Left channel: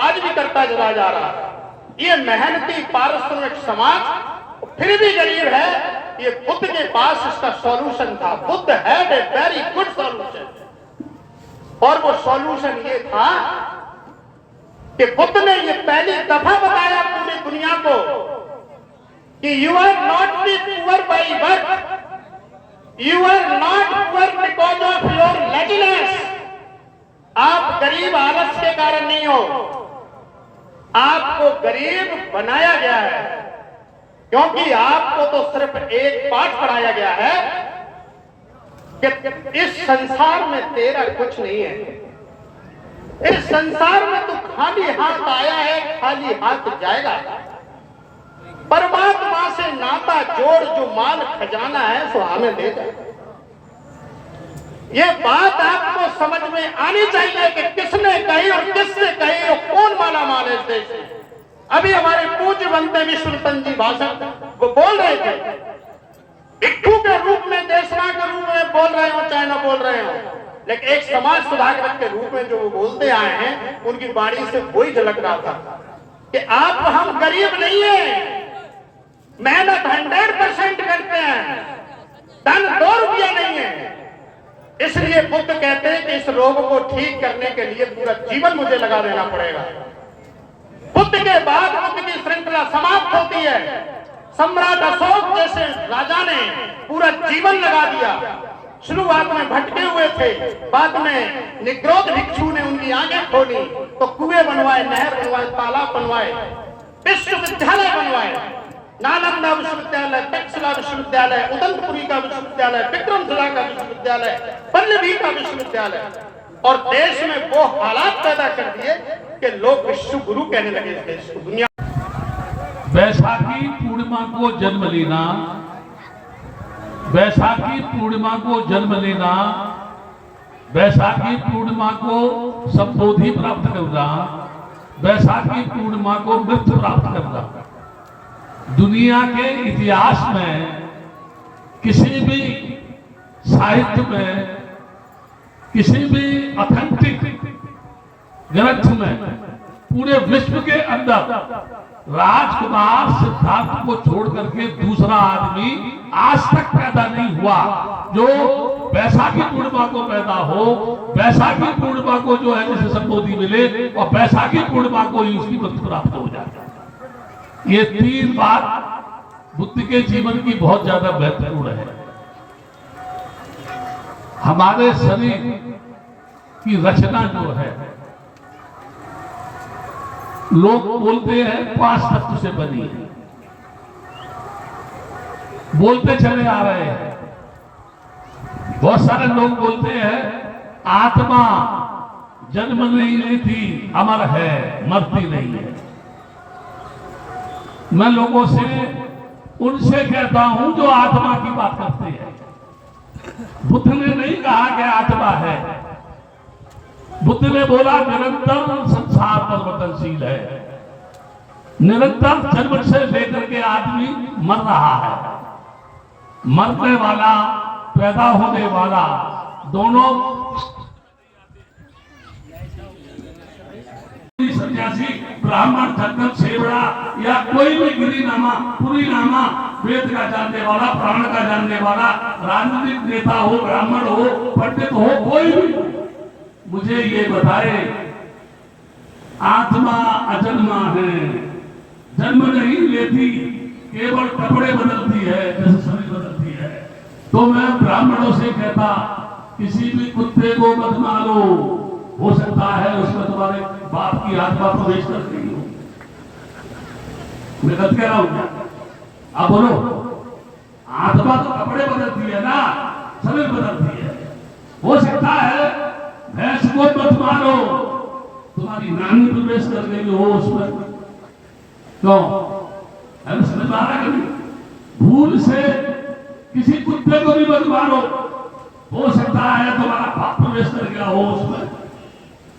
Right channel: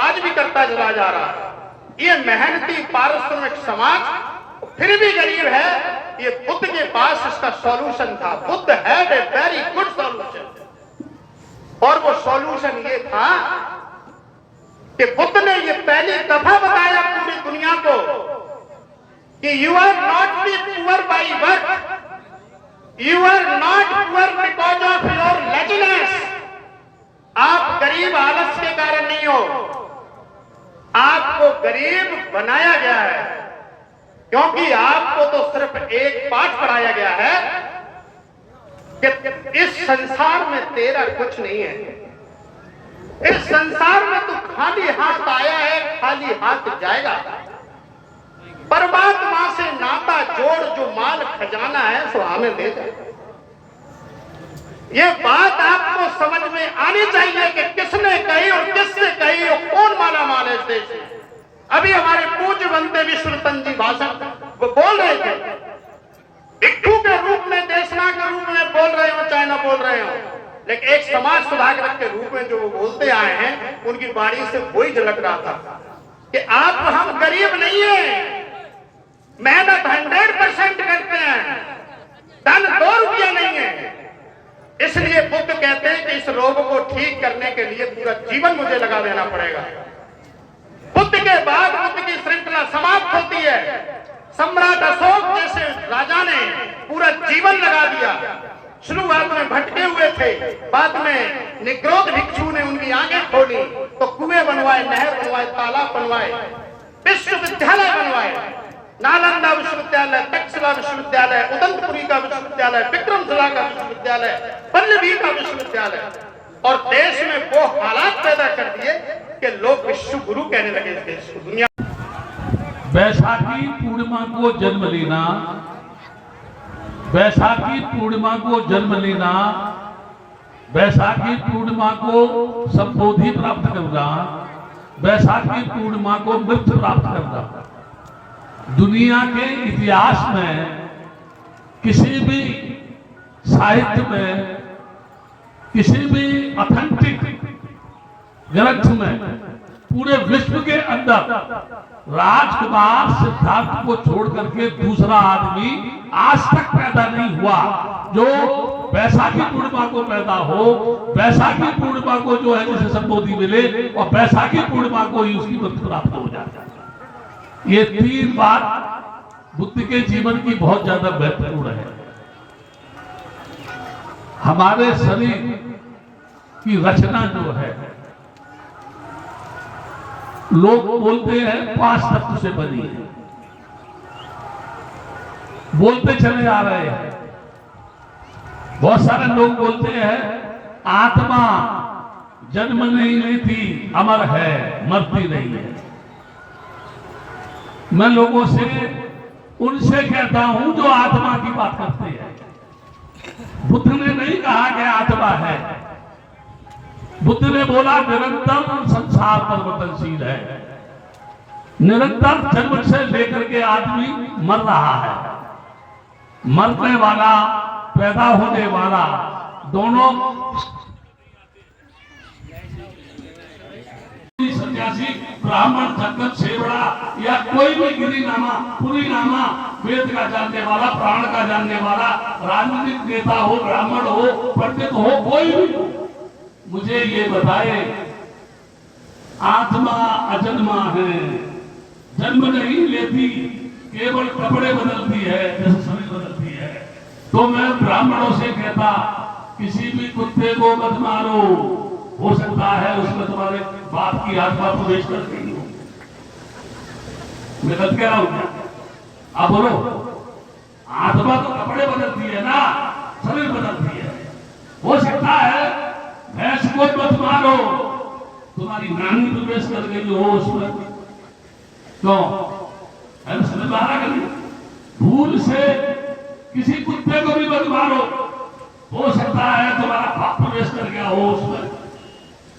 आज भी करता चला जा रहा है। ये मेहनती पारिश्रमिक समाज फिर भी गरीब है। ये बुद्ध के पास इसका सॉल्यूशन था। बुद्ध है ए वेरी गुड सॉल्यूशन, और वो सॉल्यूशन ये था कि बुद्ध ने ये पहली दफा बताया पूरी दुनिया को कि you are not be poor by work, you are not poor because of your laziness. आप गरीब आलस के कारण नहीं हो, आपको गरीब बनाया गया है, क्योंकि आपको तो सिर्फ एक पाठ पढ़ाया गया है कि इस संसार में तेरा कुछ नहीं है। इस संसार में तू खाली हाथ आया है, खाली हाथ जाएगा। परमात्मा से नाता जोड़, जो माल खजाना है सो हमें दे दे। ये बात आपको समझ में आनी चाहिए कि किसने कही और किससे कही और कौन माला माल है इस देश में। अभी हमारे पूज्य बनते विश्वरतन जी भाषण वो बोल रहे थे, भिक्षु के रूप में, देशना के रूप में बोल रहे हो चाहे ना बोल रहे हो, लेकिन एक समाज सुधारक के रूप में जो वो बोलते आए हैं, उनकी वाणी से वही झलक रहा था कि आप हम गरीब नहीं है, मेहनत 100% करते हैं, धन 2 रुपया नहीं है। इसलिए बुद्ध कहते हैं कि इस रोग को ठीक करने के लिए पूरा जीवन मुझे लगा देना पड़ेगा। बुद्ध के बाद बुद्ध की श्रृंखला समाप्त होती है। सम्राट अशोक जैसे राजा ने पूरा जीवन लगा दिया। शुरुआत में भटके हुए थे, बाद में निग्रोध भिक्षु ने उनकी आंखें खोली तो कुएं बनवाए, नहर बनवाए, तालाब बनवाए, विश्वविद्यालय बनवाए, नालंदा विश्वविद्यालय, तक्षशिला विश्वविद्यालय, उदंतपुरी का विश्वविद्यालय, विक्रमशिला का विश्वविद्यालय, पल्लवी का विश्वविद्यालय, और देश में वो हालात पैदा कर दिए कि लोग विश्व गुरु कहने लगे इस देश को। दुनिया बैसाखी पूर्णिमा को जन्म लेना, बैसाखी पूर्णिमा को जन्म लेना, बैसाखी पूर्णिमा को संबोधि प्राप्त करना, बैसाखी पूर्णिमा को मृत्यु प्राप्त करना, दुनिया के इतिहास में किसी भी साहित्य में, किसी भी ऑथेंटिक ग्रंथ में, पूरे विश्व के अंदर राजकुमार सिद्धार्थ को छोड़ करके दूसरा आदमी आज तक पैदा नहीं हुआ जो बैसाखी पूर्णिमा को पैदा हो, बैसाखी पूर्णिमा को जो है जिसे संबोधि मिले और बैसाखी पूर्णिमा को ही उसकी मृत्यु प्राप्त हो जाए। ये 3 बात बुद्ध के जीवन की बहुत ज्यादा महत्वपूर्ण है। हमारे शरीर की रचना जो है, लोग बोलते हैं 5 तत्व से बनी है, बोलते चले आ रहे हैं। बहुत सारे लोग बोलते हैं आत्मा जन्म नहीं लेती, अमर है, मरती नहीं है। मैं लोगों से उनसे कहता हूं जो आत्मा की बात करते हैं। बुद्ध ने नहीं कहा कि आत्मा है, बुद्ध ने बोला निरंतर संसार परिवर्तनशील है, निरंतर जन्म से लेकर के आदमी मर रहा है, मरने वाला पैदा होने वाला दोनों सन्यासी, ब्राह्मण, जंगल सेवड़ा या कोई भी गिरीनामा, पुरीनामा, वेद का जानने वाला, प्राण का जानने वाला, राजनीतिक नेता हो, ब्राह्मण हो, पंडित हो, कोई भी मुझे ये बताए आत्मा अजन्मा है, जन्म नहीं लेती, केवल कपड़े बदलती है, जैसे शरीर बदलती है। तो मैं ब्राह्मणों से कहता किसी भी कुत्ते को मत मारो, हो सकता है उसमें तुम्हारे बाप की आत्मा प्रवेश कर गई हो। मैं गलत कह रहा हूं क्या? आप बोलो, आत्मा तो कपड़े बदलती है ना, शरीर बदलती है। हो सकता है भैंस को मत मारो, तुम्हारी नानी प्रवेश कर गई हो उसमें। क्यों? समझ में आ रहा है? भूल से किसी कुत्ते को भी मत मारो, हो सकता है तुम्हारा पाप प्रवेश कर गया हो उसमें।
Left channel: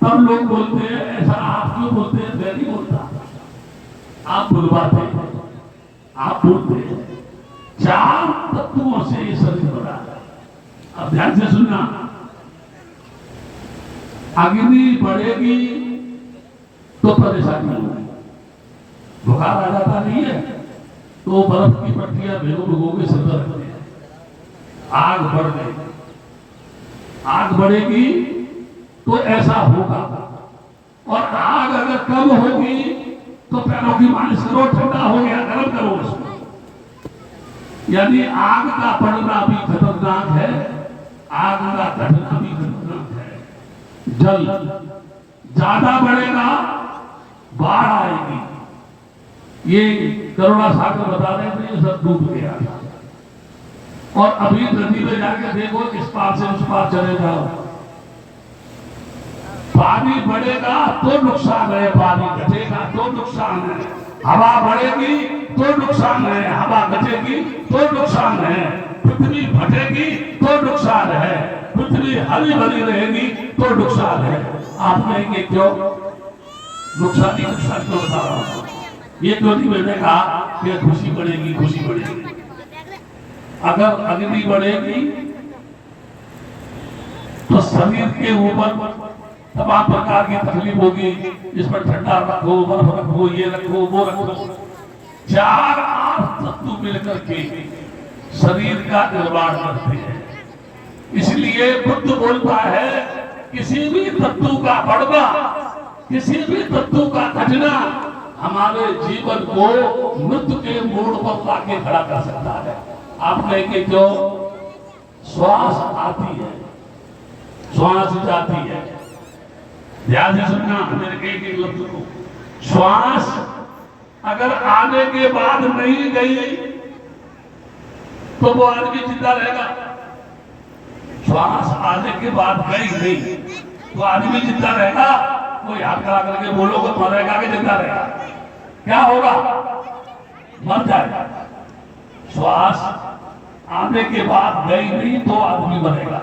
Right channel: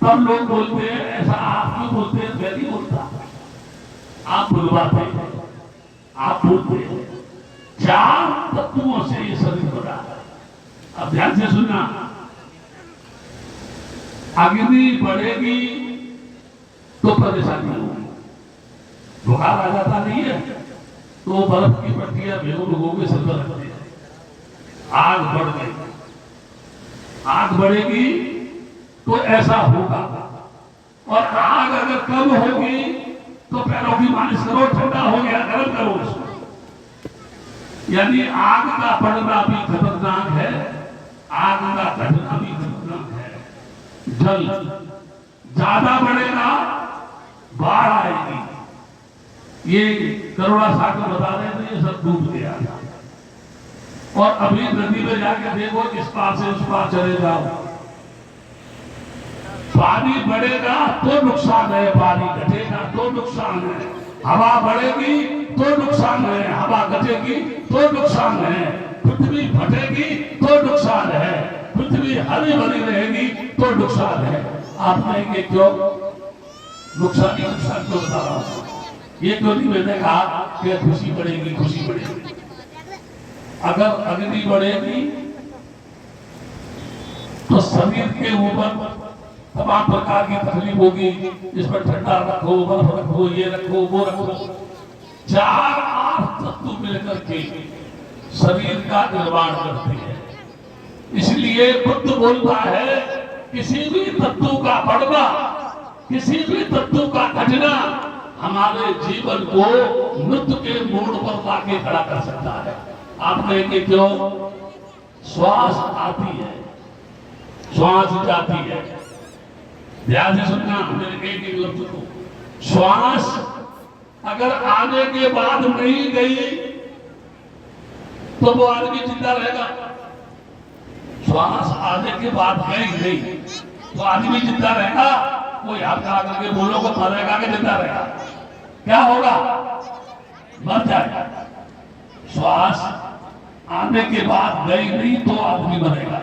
तब लोग बोलते हैं ऐसा, आप जो बोलते हैं मैं नहीं बोलता, आप बुलवाते हैं, आप बोलते हैं। 4 तत्वों से ये शरीर बना। अब ध्यान से सुनना, अग्नि बढ़ेगी तो परेशानी होगी। बुखार आ जाता नहीं है तो बर्फ की पट्टियां भिगो के सिर पर रखते हैं। आग बढ़ गई, आग बढ़ेगी तो ऐसा होगा। और आग अगर कम होगी तो पैरों की मालिश करो, ठंडा हो गया गर्म करो उसको। यानी आग का बढ़ना भी खतरनाक है, आग का घटना भी खतरनाक है। जल ज्यादा बढ़ेगा, बाढ़ आएगी। ये करुणा सागर बता रहे थे, ये सब डूब गया। और अभी नदी में जाके देखो, इस पार से उस पार चले जाओ, पानी बढ़ेगा तो नुकसान है, पानी घटेगा तो नुकसान है। हवा बढ़ेगी तो नुकसान है, हवा घटेगी तो नुकसान है। पृथ्वी फटेगी तो नुकसान है, पृथ्वी हरी भरी रहेगी तो नुकसान है। आप कहेंगे क्यों नुकसान क्यों बता रहा हूं? ये क्यों नहीं मैंने कहा कि खुशी बढ़ेगी, खुशी बढ़ेगी। अगर अग्नि बढ़ेगी तो शरीर के ऊपर तमाम प्रकार की तकलीफ होगी। इस पर ठंडा रखो, बर्फ रखो, ये रखो, वो रखो। 4 तत्व मिलकर के शरीर का निर्माण करते हैं। इसलिए बुद्ध बोलता है किसी भी तत्व का बढ़ना, किसी भी तत्व का घटना हमारे जीवन को मृत्यु के मोड़ पर लाके खड़ा कर सकता है। आप कहेंगे क्यों? श्वास आती है, श्वास जाती है। ध्यान से सुनना मेरे कई लफ्ज को। श्वास अगर आने के बाद नहीं गई तो वो आदमी जिंदा रहेगा। श्वास आने के बाद गई नहीं तो आदमी जिंदा रहेगा। कोई हाथ खड़ा करके बोलो को मरेगा कि जिंदा रहेगा? क्या होगा? मर जाएगा। श्वास आने के बाद गई नहीं तो आदमी मरेगा।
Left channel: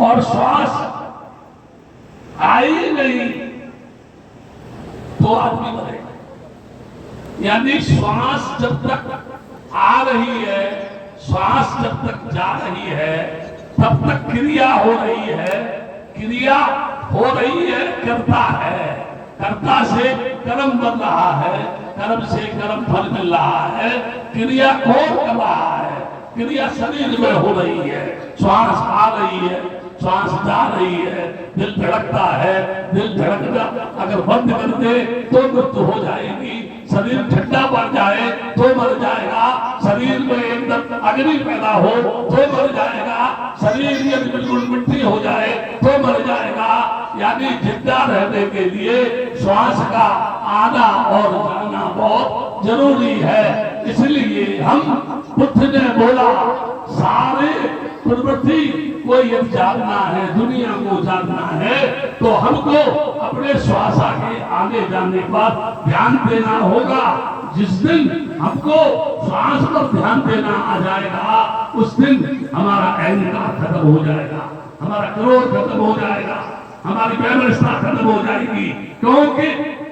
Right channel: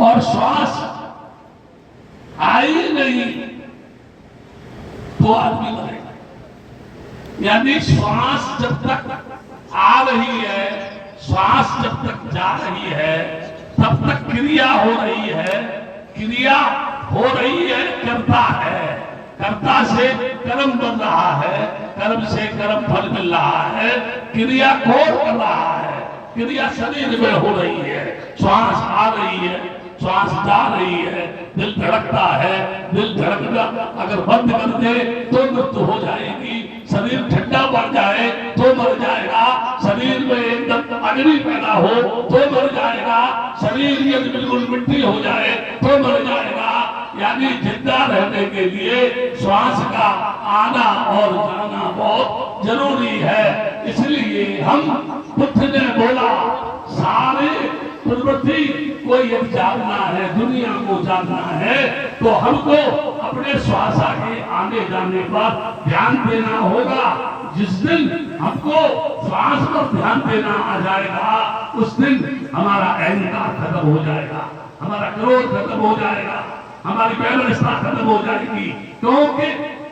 और श्वास आई नहीं तो आदमी मरेगा। यानी श्वास जब तक आ रही है, श्वास जब तक जा रही है, तब तक क्रिया हो रही है। क्रिया हो रही है, कर्ता है, कर्ता से कर्म बन रहा है, कर्म से कर्म फल मिल रहा है। क्रिया कौन कर रहा है? क्रिया शरीर में हो रही है। श्वास आ रही है, श्वास जा रही है, दिल धड़कता है, दिल धड़कना अगर बंद कर दे तो मृत्यु हो जाएगी। शरीर ठंडा पड़ जाए तो मर जाएगा। शरीर में एकदम अग्नि पैदा हो तो मर जाएगा। शरीर यदि बिल्कुल मिट्टी हो जाए तो मर जाएगा। यानी जिंदा रहने के लिए श्वास का आना और जाना बहुत जरूरी है। इसलिए हम बुद्ध ने बोला सारे प्रवृत्ति को यदि जानना है, दुनिया को जानना है तो हमको अपने श्वास के आने जाने पर ध्यान देना होगा। जिस दिन हमको श्वास पर ध्यान देना आ जाएगा उस दिन हमारा अहंकार खत्म हो जाएगा, हमारा क्रोध खत्म हो जाएगा, हमारी व्यवस्था खत्म हो जाएगी। क्योंकि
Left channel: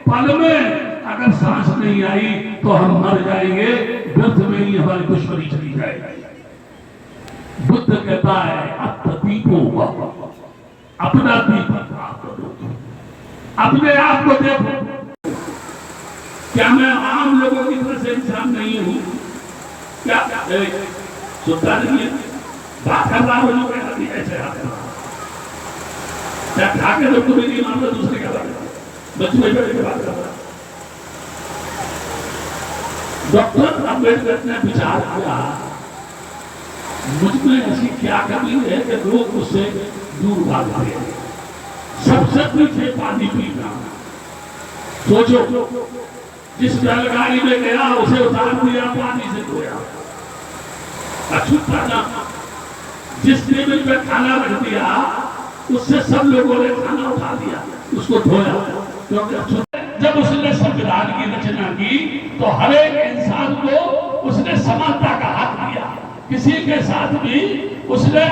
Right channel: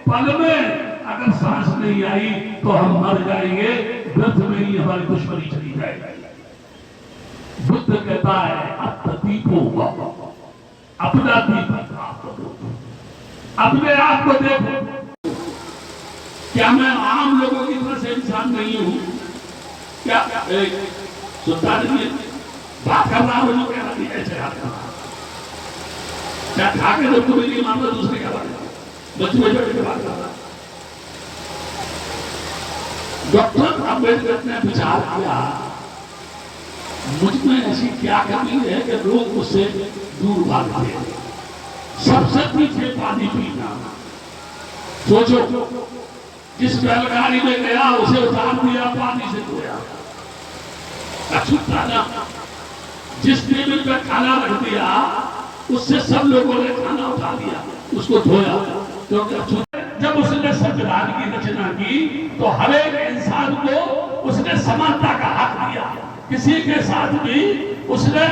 पल में अगर सांस नहीं आई तो हम मर जाएंगे, व्यर्थ में ही हमारी दुश्मनी चली जाएगी। बुद्ध कहता है अत्दीपो अपना दीपक आप करो, अपने आप को देखो। क्या मैं आम लोगों की तरह से इंसान नहीं हूं? क्या सुनता नहीं बात कर रहा हूं? जो कह रही है क्या खाके जब तुम्हें नहीं मानता दूसरे क्या बात है? बच्चे बैठे के बात कर रहा। डॉक्टर अम्बेडकर ने विचार किया मुझमें ऐसी क्या कमी है कि लोग मुझसे दूर भागते हैं। सबसे पीछे पानी पीना। सोचो जिस बैलगाड़ी में गया उसे उतार दिया, पानी से धोया, अछूता ना। जिस टेबल पे खाना रख दिया उससे सब लोगों ने खाना उठा दिया, उसको धोया, क्योंकि जब उसने संविधान की रचना की तो हर एक इंसान को उसने समानता का हक दिया। किसी के साथ भी उसने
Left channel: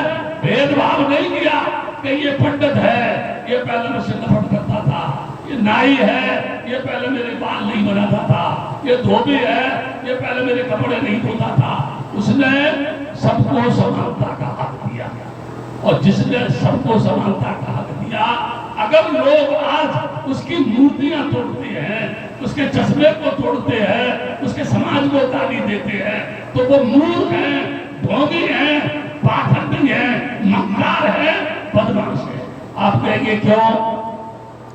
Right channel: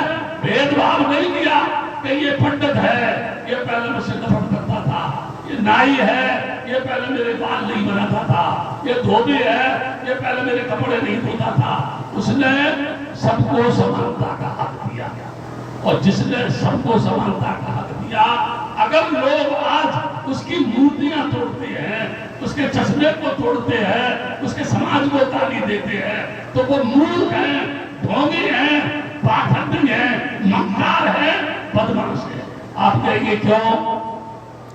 भेदभाव नहीं किया कि ये पंडित है, ये पहले मुझसे नफरत करता था, ये नाई है, ये पहले मेरे बाल नहीं बनाता था, ये धोबी है, ये पहले मेरे कपड़े नहीं धोता था। उसने सबको समानता का हक दिया। और जिसने सबको समानता का हक दिया, अगर लोग आज उसकी मूर्ति तोड़ते हैं, उसके चश्मे को तोड़ते हैं, उसके समाज को गाली देते हैं, तो वो मूर्ख है, ढोंगी है, पाखंडी है, मक्कार है, बदमाश है। आप कहेंगे क्यों?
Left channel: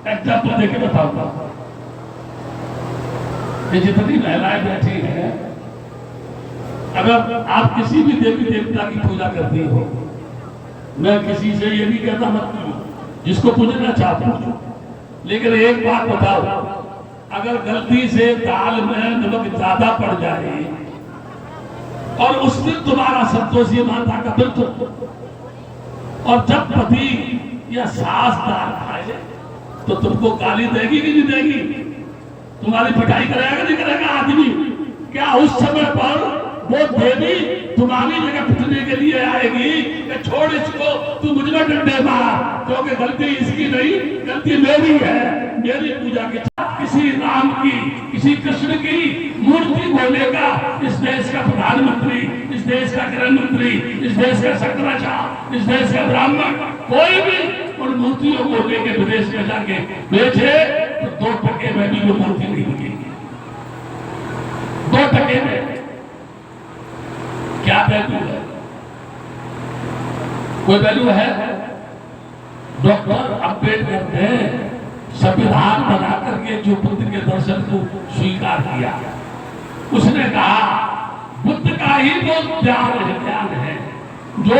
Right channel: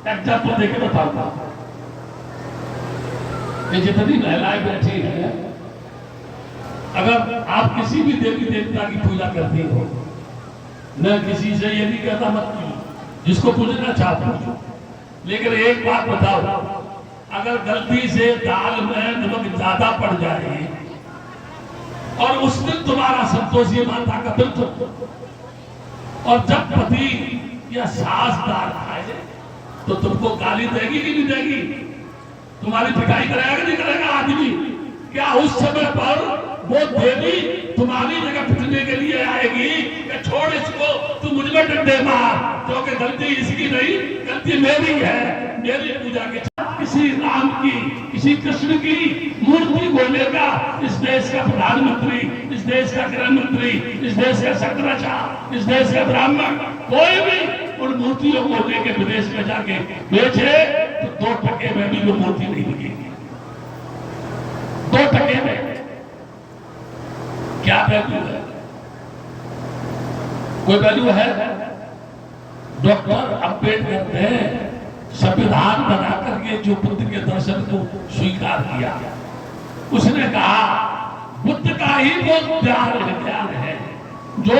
एग्जाम्पल देके बताऊंगा। ये जितनी महिलाएं बैठी हैं, अगर आप किसी भी देवी देवता की पूजा करती हो, मैं किसी से ये नहीं कहता मत करो, जिसको पूजना चाहते हो, लेकिन एक बात बताओ, अगर गलती से दाल में नमक ज्यादा पड़ जाए और उस दिन तुम्हारा संतोषी माता का व्रत हो, और जब पति या सास दाल खाए तो तुमको गाली देगी कि नहीं देगी? तुम्हारी पिटाई करेगा कि नहीं करेगा आदमी? क्या उस समय पर वो देवी तुम्हारी जगह पिटने के लिए आएगी कि छोड़ इसको, तू मुझ में डंडे मार, क्योंकि गलती इसकी नहीं, गलती मेरी है, मेरी पूजा की। किसी राम की, किसी कृष्ण की मूर्ति बोलेगा इस देश का प्रधानमंत्री, इस देश का गृह मंत्री, इस देश का शंकराचार्य, इस देश का ब्राह्मण, कोई भी उन मूर्तियों को लेकर विदेश में जाके बेचे तो 2% में भी वो मूर्ति नहीं बिकेगी। 2% में क्या वैल्यू है? कोई वैल्यू है? डॉक्टर अम्बेडकर ने संविधान बना करके जो बुद्ध के दर्शन को स्वीकार किया, उसने कहा बुद्ध का ही वो ज्ञान है जो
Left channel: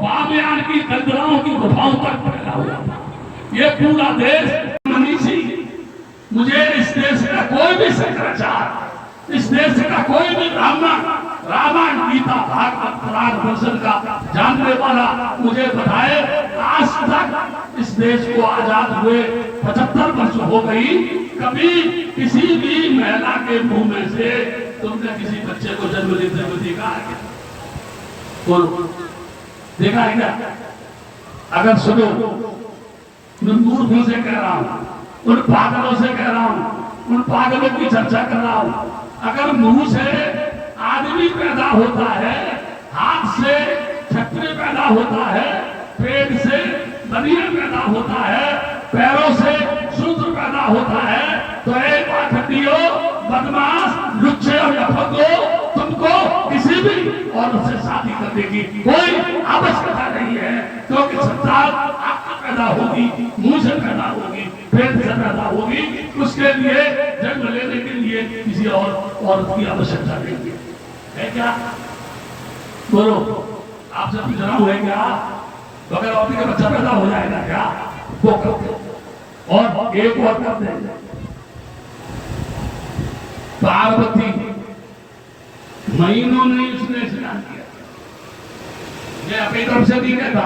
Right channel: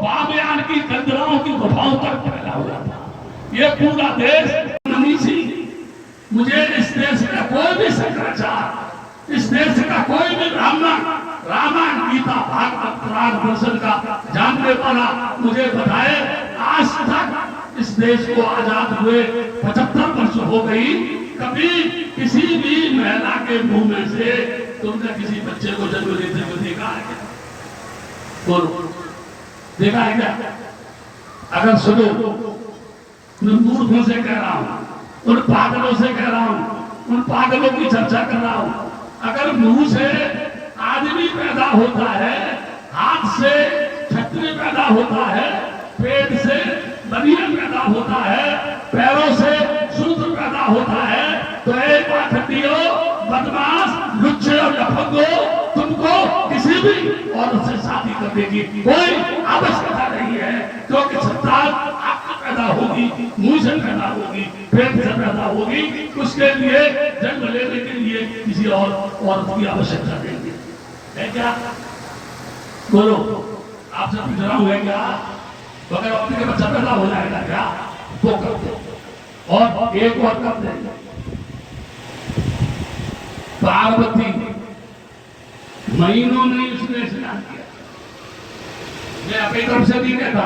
बाबयान की कंदराओं की गुफाओं तक फैला हुआ था। ये पूरा देश मनीषी, मुझे इस देश का कोई भी शंकराचार्य, इस देश का कोई भी ब्राह्मण, रामायण, गीता, भागवत, पुराण, दर्शन का जानने वाला मुझे बताए, आज तक इस देश को आजाद हुए 75 वर्ष हो गई, कभी किसी भी महिला के मुंह में से तुमने किसी बच्चे को जन्म देते हुए देखा है क्या? बोलो, देखा है क्या? अगर सुनो, मैं मूर्खों से कह रहा हूं, उन पागलों से कह रहा हूं, उन पागलों की चर्चा कर रहा हूं, अगर मुंह से आदमी पैदा होता है, हाथ से छतरी पैदा होता है, पेट से बनियान पैदा होता है, पैरों से शूद्र पैदा होता है, तो एक पाखंडियों, बदमाश, लुच्चे और लफंगों, तुमको किसी भी औरत से शादी करने की कोई आवश्यकता नहीं है, क्योंकि संतान आपको पैदा होगी, मुंह से पैदा होगी, पेट से पैदा होगी, उसके लिए जन्म लेने के लिए किसी और औरत की आवश्यकता नहीं है क्या? बोलो, आपसे पूछ रहा हूं, है क्या? तो अगर अपने बच्चा पैदा हो जाएगा क्या? वो करते, और एक और करते, पार्वती महीनों में उसने स्नान किया। मैं अपनी तरफ से नहीं कहता,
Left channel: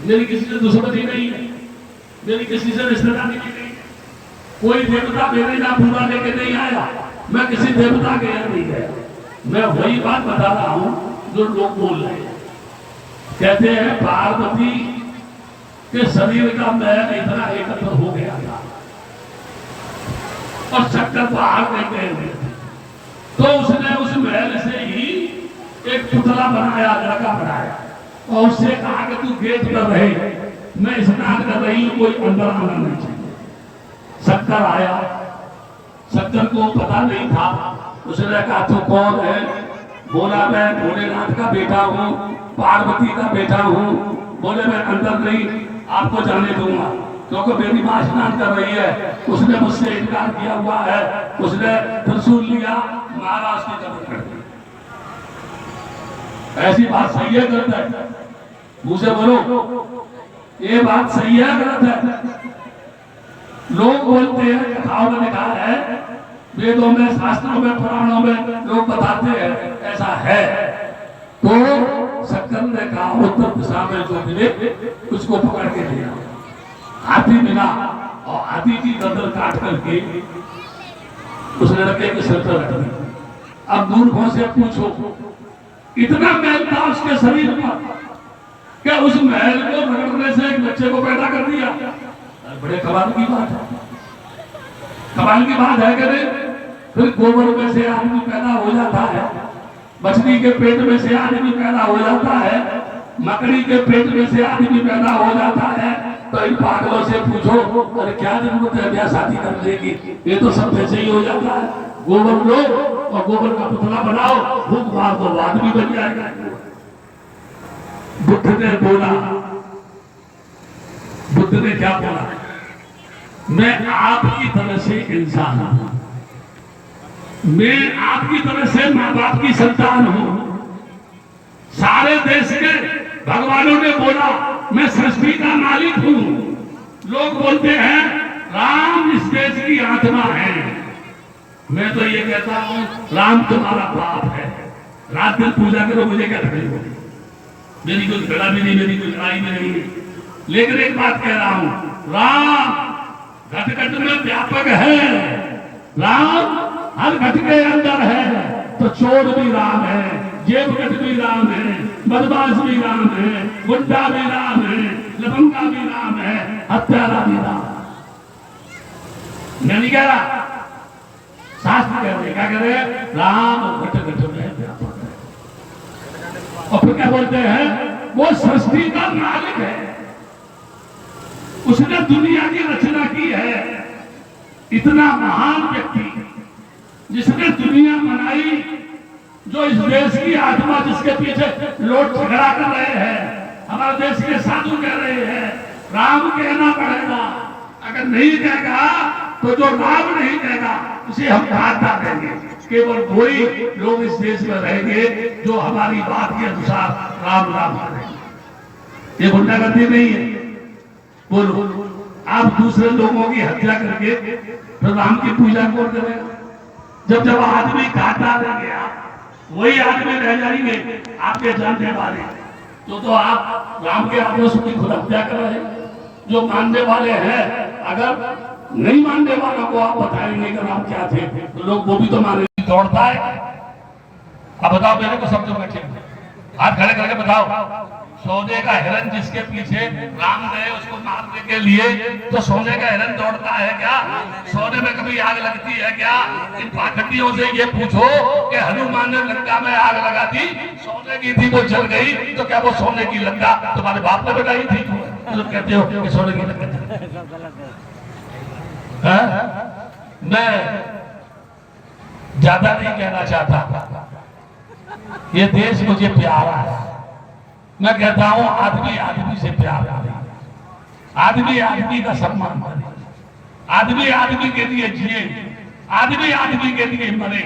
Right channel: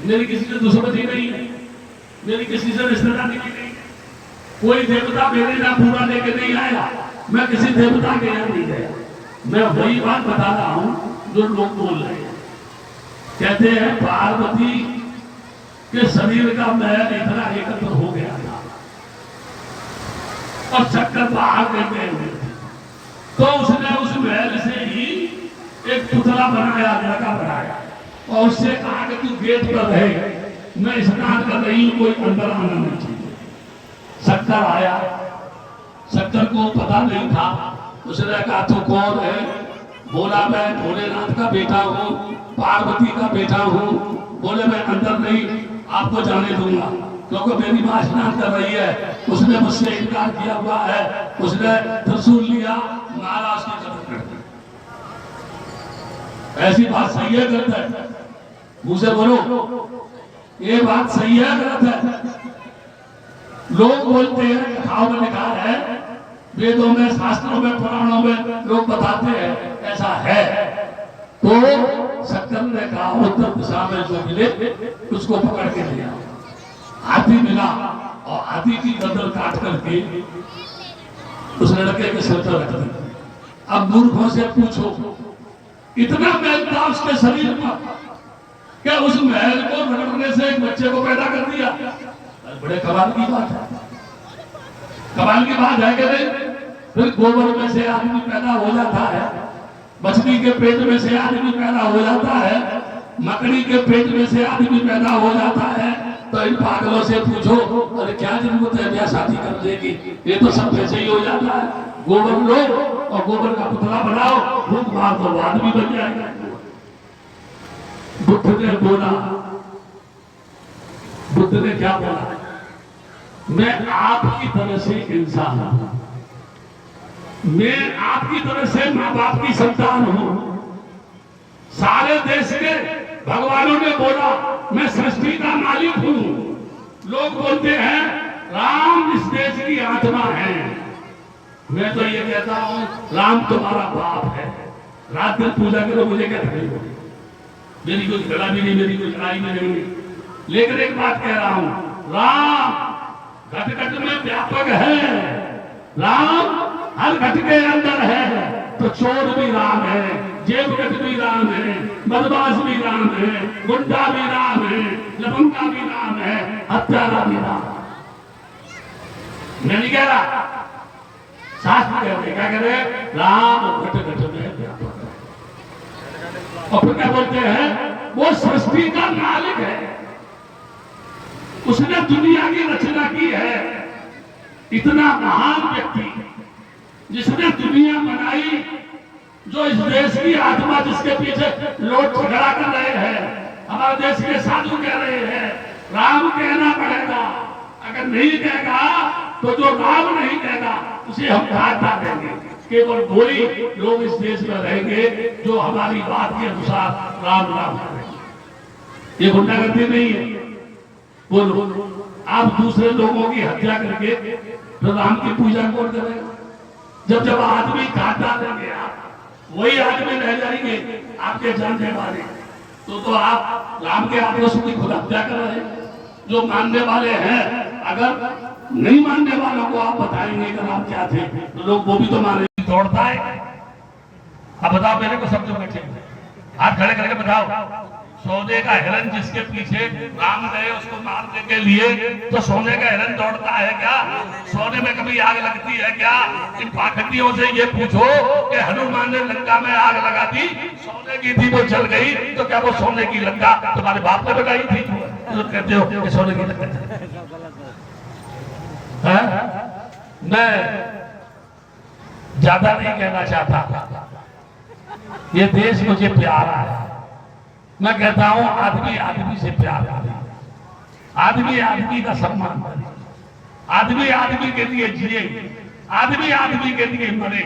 मेरी किसी से दुश्मनी नहीं है, मेरी किसी से रिश्तेदारी नहीं, कोई देवता मेरे यहाँ पूरा लेके नहीं आया, मैं किसी देवता के यहाँ नहीं गया, मैं वही बात बता रहा हूं जो लोग बोल रहे हैं। कहते हैं पार्वती के शरीर का मैल इतना एकत्र हो गया था और शंकर बाहर नहीं गए हुए थे, तो उसने उस मैल से ही एक पुतला बनाया, लड़का बनाया, और उससे कहा कि तू गेट पर रहे, मैं स्नान कर रही हूं, कोई अंदर आना नहीं चाहिए। शंकर आया, शंकर को पता नहीं था, उसने कहा तू कौन है? बोला मैं भोलेनाथ का बेटा हूँ, पार्वती का बेटा हूँ। बोले मैं अंदर नहीं आपको जाने दूंगा, क्योंकि मेरी मां स्नान कर रही है, उसने मुझसे इनकार किया हुआ है। उसने त्रिशूल लिया, मारा, उसकी कब्र कर दी। ऐसी बात सही है गलत है? मुझे बोलो, ये बात सही है गलत है? लोग बोलते हैं, कथाओं में लिखा है, वेदों में, शास्त्रों में, पुराणों में लोग बताते हैं ऐसा है। तो शंकर ने कहा उत्तर दिशा में जो मिले उसको पकड़ के लिया, हाथी मिला और हाथी की गर्दन काट करके उस लड़के के सिर पर रख दी। अब मूर्खों से पूछो, इतना मैल था उसके शरीर पर, क्या उस महल को रगड़ने से एक बच्चे को पैदा कर दिया? बड़े कमाल की बात है, कमाल की बात है कि नहीं? फिर गोबर में से आदमी पैदा हो जाता है, मछली के पेट में से आदमी पैदा हो जाता है, मकड़ी के पेट में से आदमी पैदा हो जाता है, तो इन पागलों से पूछो, अरे क्या जरूरत है ब्याह शादी करने की, ये तो सब ऐसे ही हो जाता है। गोबर लो और गोबर का पुतला बनाओ, फूंक मार दो, आदमी बन जाएगा। बुद्ध ने बोला, बुद्ध ने क्या बोला? मैं आपकी तरह से इंसान हूं, मैं आपकी तरह से माँ बाप की संतान हूं। सारे देश के भगवानों ने बोला मैं सृष्टि का मालिक हूं। लोग बोलते हैं राम इस देश की आत्मा है। मैं तो ये कहता हूं राम तुम्हारा बाप है। रात दिन पूजा करो, मुझे क्या तकलीफ होगी? मेरी कोई झगड़ा भी नहीं, मेरी कोई लड़ाई भी नहीं। लेकिन एक बात कह रहा हूं, राम घट घट में व्यापक है। राम हर घट के अंदर है। तो चोर भी राम है, जेबकट भी राम है, बदमाश भी राम है, गुंडा भी राम है, लफंगा भी राम है, हत्यारा भी राम है। मैं नहीं कह रहा, शास्त्र कह रहे, क्या कह रहे? राम घट घट में व्यापक है। और फिर क्या बोलते हैं? वो सृष्टि का मालिक है, उसने दुनिया की रचना की है। इतना महान व्यक्ति जिसने दुनिया बनाई, जो इस देश की आत्मा, जिसके पीछे लोग झगड़ा कर रहे हैं, हमारे देश के साधु कह रहे हैं राम कहना पड़ेगा। अगर नहीं कहेगा तो जो राम नहीं कहेगा उसे हम काट डालेंगे। केवल वही लोग इस देश में रहेंगे जो हमारी बात के अनुसार राम राम करेंगे। ये गुंडागर्दी नहीं है। बोलो, आप दूसरे लोगों की हत्या करके तो राम की पूजा कौन करेगा? जब जब आदमी काट डालेंगे वही आदमी रह जाएंगे आपके जानने वाले। तो आप राम के आदेश की खुद हत्या कर रहे हैं। जो मानने वाले हैं, अगर नहीं मानने वालों को आप बताएंगे कि राम क्या थे, तो लोग वो भी तो माने। दौड़ता है। अब बताओ, मेरे को समझो, हाथ खड़े करके बताओ। सोने का हिरन जिसके पीछे राम गए उसको मारने के लिए, तो सोने का हिरन दौड़ता है क्या? सोने में कभी आग लगती है क्या? इन पाखंडियों से ये पूछो कि हनुमान ने लंका में आग लगा दी, सोने की थी, वो जल गई, तो क्या वो सोने की लंका तुम्हारे बाप ने बनाई थी? तुम कहते हो कि सोने की लंका। मैं ज्यादा नहीं कहना चाहता, ये देश मुझे प्यारा है। मैं कहता हूं आदमी आदमी से प्यार करे, आदमी आदमी का सम्मान करे, आदमी आदमी के लिए जिए, आदमी आदमी के लिए मरे।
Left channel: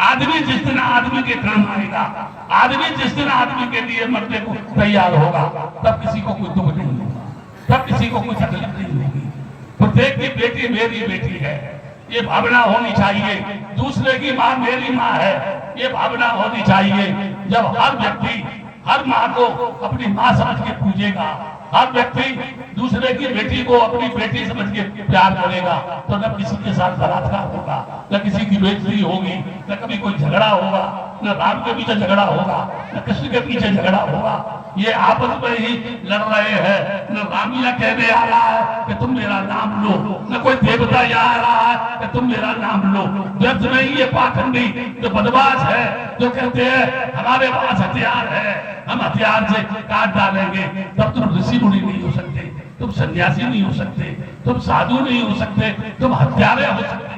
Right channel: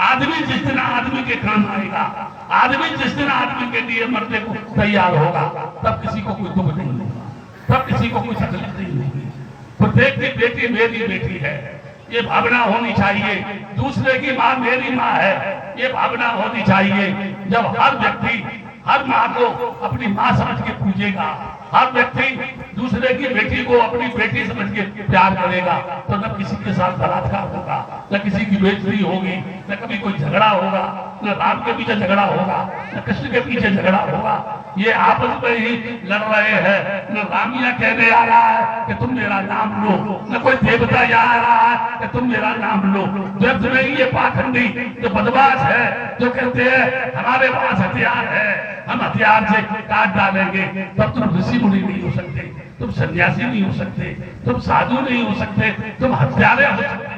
आदमी जिस दिन आदमी के काम आएगा, आदमी जिस दिन आदमी के लिए मरने को तैयार होगा, तब किसी को कोई दुख नहीं होगा, तब किसी को कोई तकलीफ नहीं होगी। प्रत्येक की बेटी मेरी बेटी है, ये भावना होनी चाहिए। दूसरे की माँ मेरी माँ है, ये भावना होनी चाहिए। जब हर व्यक्ति हर माँ को अपनी माँ समझ के पूजेगा, हर व्यक्ति दूसरे की बेटी को अपनी बेटी समझ के प्यार करेगा, तो न किसी के साथ बलात्कार होगा, न किसी की बेइज्जती होगी, न कभी कोई झगड़ा होगा, न राम के पीछे झगड़ा होगा, न कृष्ण के पीछे झगड़ा होगा। ये आपस में ही लड़ रहे हैं। न रामिया कहने आ रहा है कि तुम मेरा नाम लो, न कोई देवता यहाँ आ रहा है कि तुम मेरा नाम लो। व्यर्थ में ही ये पाखंडी जो बदमाश है, जो कहते हैं हमारे पास हथियार है, हम हथियार से काट डालेंगे, तब तुम ऋषि मुनि नहीं हो सकते, तुम सन्यासी नहीं हो सकते, तुम साधु नहीं हो सकते, तुम हत्यारे हो सकते,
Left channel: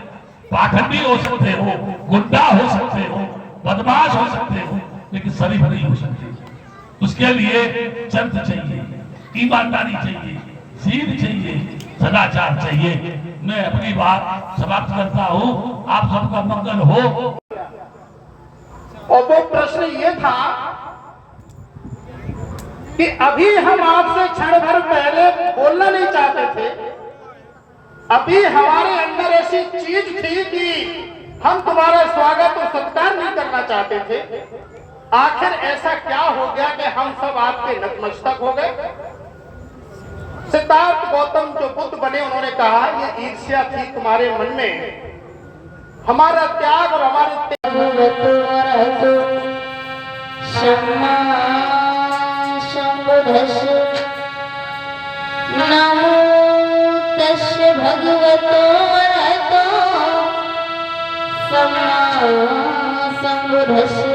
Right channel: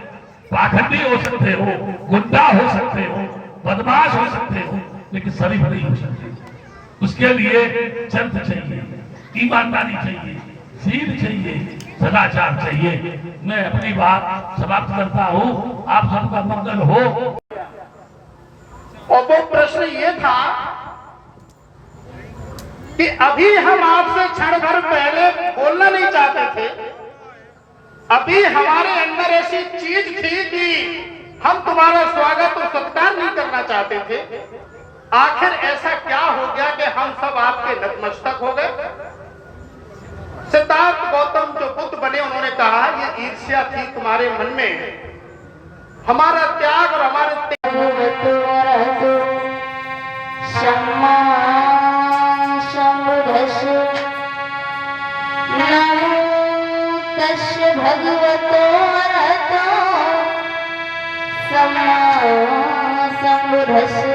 पाखंडी हो सकते हो, गुंडा हो सकते हो, बदमाश हो सकते हो, लेकिन शरीफ नहीं हो सकते। उसके लिए चरित्र चाहिए, ईमानदारी चाहिए, सीध चाहिए, सदाचार चाहिए। मैं अपनी बात समाप्त करता हूँ। आप सबका मंगल हो। और वो प्रश्न ये था कि अभी हम आपसे क्षण भर पहले बोलना नहीं चाहते थे, अभी हमारे अंदर ऐसी चीज थी कि हम तुम्हारा स्वागत और सत्कार नहीं करना चाहते थे। आखिर ऐसा क्या हो गया कि हम सब आपके नतमस्तक हो गए? सिद्धार्थ गौतम जो बुद्ध बने, उन्होंने कहा ये ईर्ष्या थी तुम्हारे मन में, हमारा त्याग और हमारे नमो तस्य भगवतो अरहतो सम्मा संबुद्धस्य।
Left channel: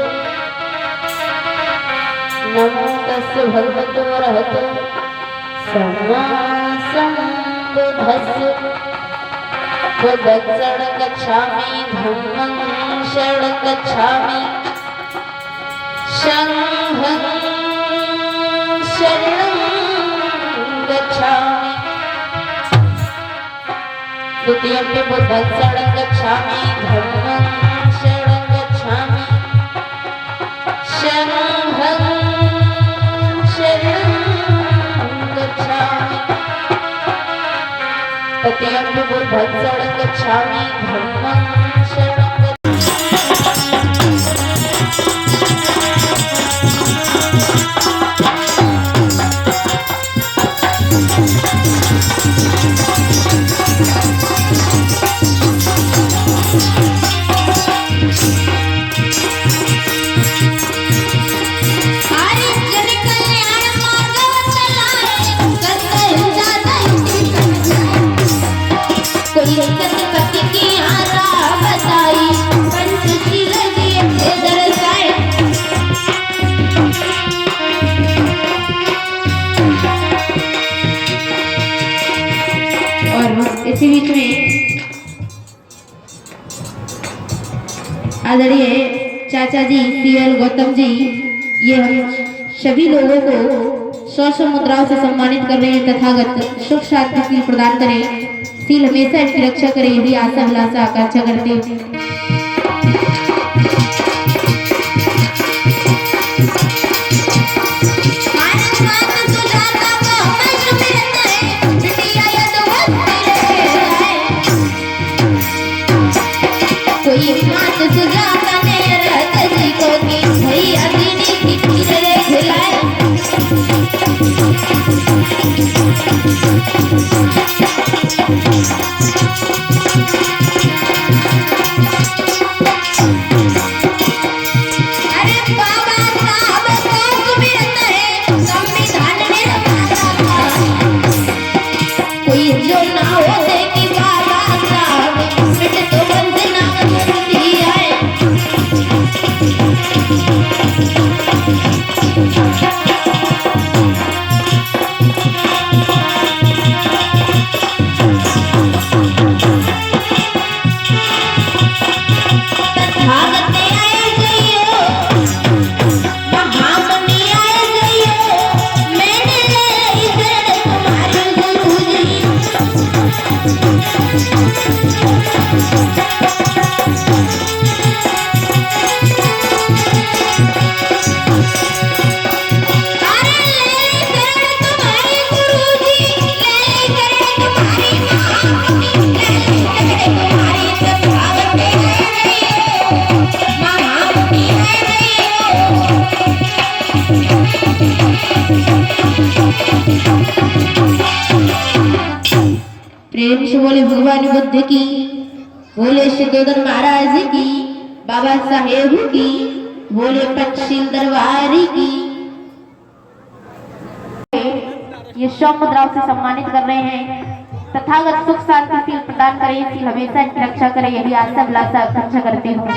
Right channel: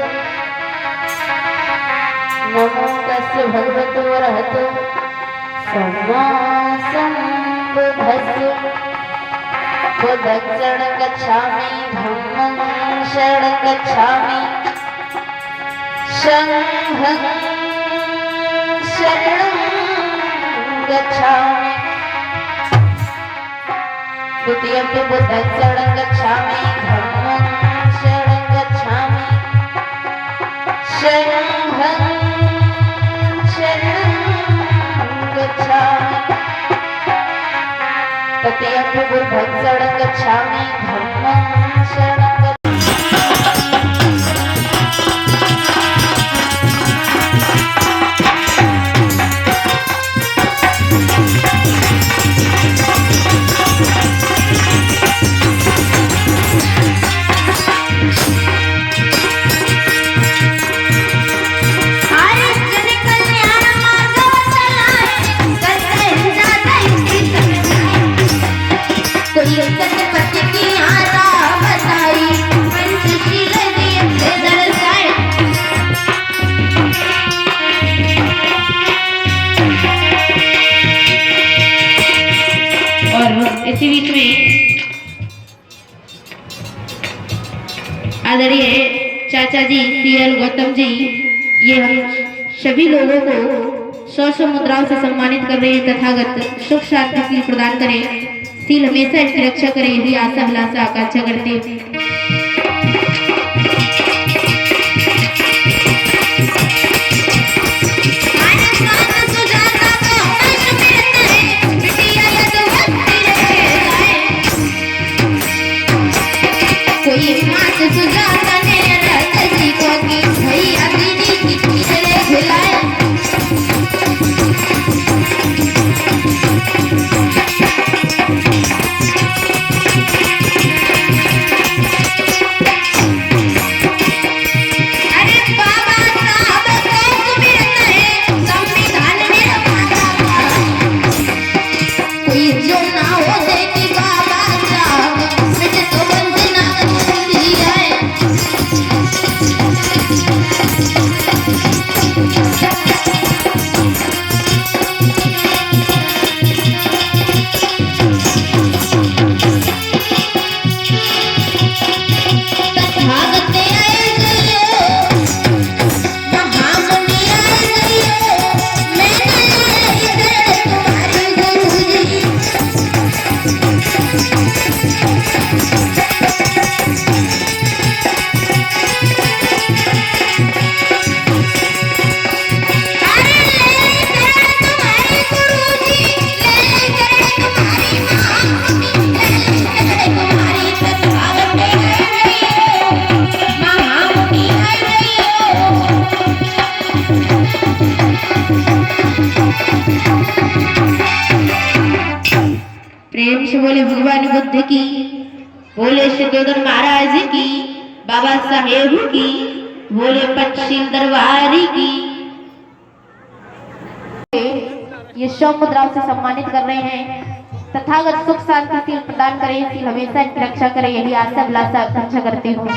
नमो तस्य भगवतो अरहतो सम्मा भस्म बुद्धं शरणं गच्छामि धम्मं शरणं गच्छामि संघं शरणं गच्छामि द्वितीयं बुद्धं शरणं गच्छामि धम्मं शरणं गच्छामि संघं शरणं गच्छामि तृतीयं बुद्धं शरणं गच्छामि धम्मं शरणं इसी बीच में आदरणीय चाचा जी सीएल गौतम जी ये हम सभी लोगों को 100 मुद्राओं से सम्मानित कर रहे हैं। तथागत सुख शांति सील प्रदान करें, सील हमेशा इसकी रक्षा करें, यही आशा अभिलाषा आकांक्षा करते हैं। प्रेम से बोले भगवान बुद्ध की, बोले सिद्धोदर महाराज की, बाबा साहेब की, बोले पंचशील दरबारी की। ये 100 मुद्राओं से सम्मानित कर रहे हैं। तथागत सुख शांति सील प्रदान करें, सील हमेशा इनकी रक्षा करें, यही आशा अभिलाषा आकांक्षा करते हो।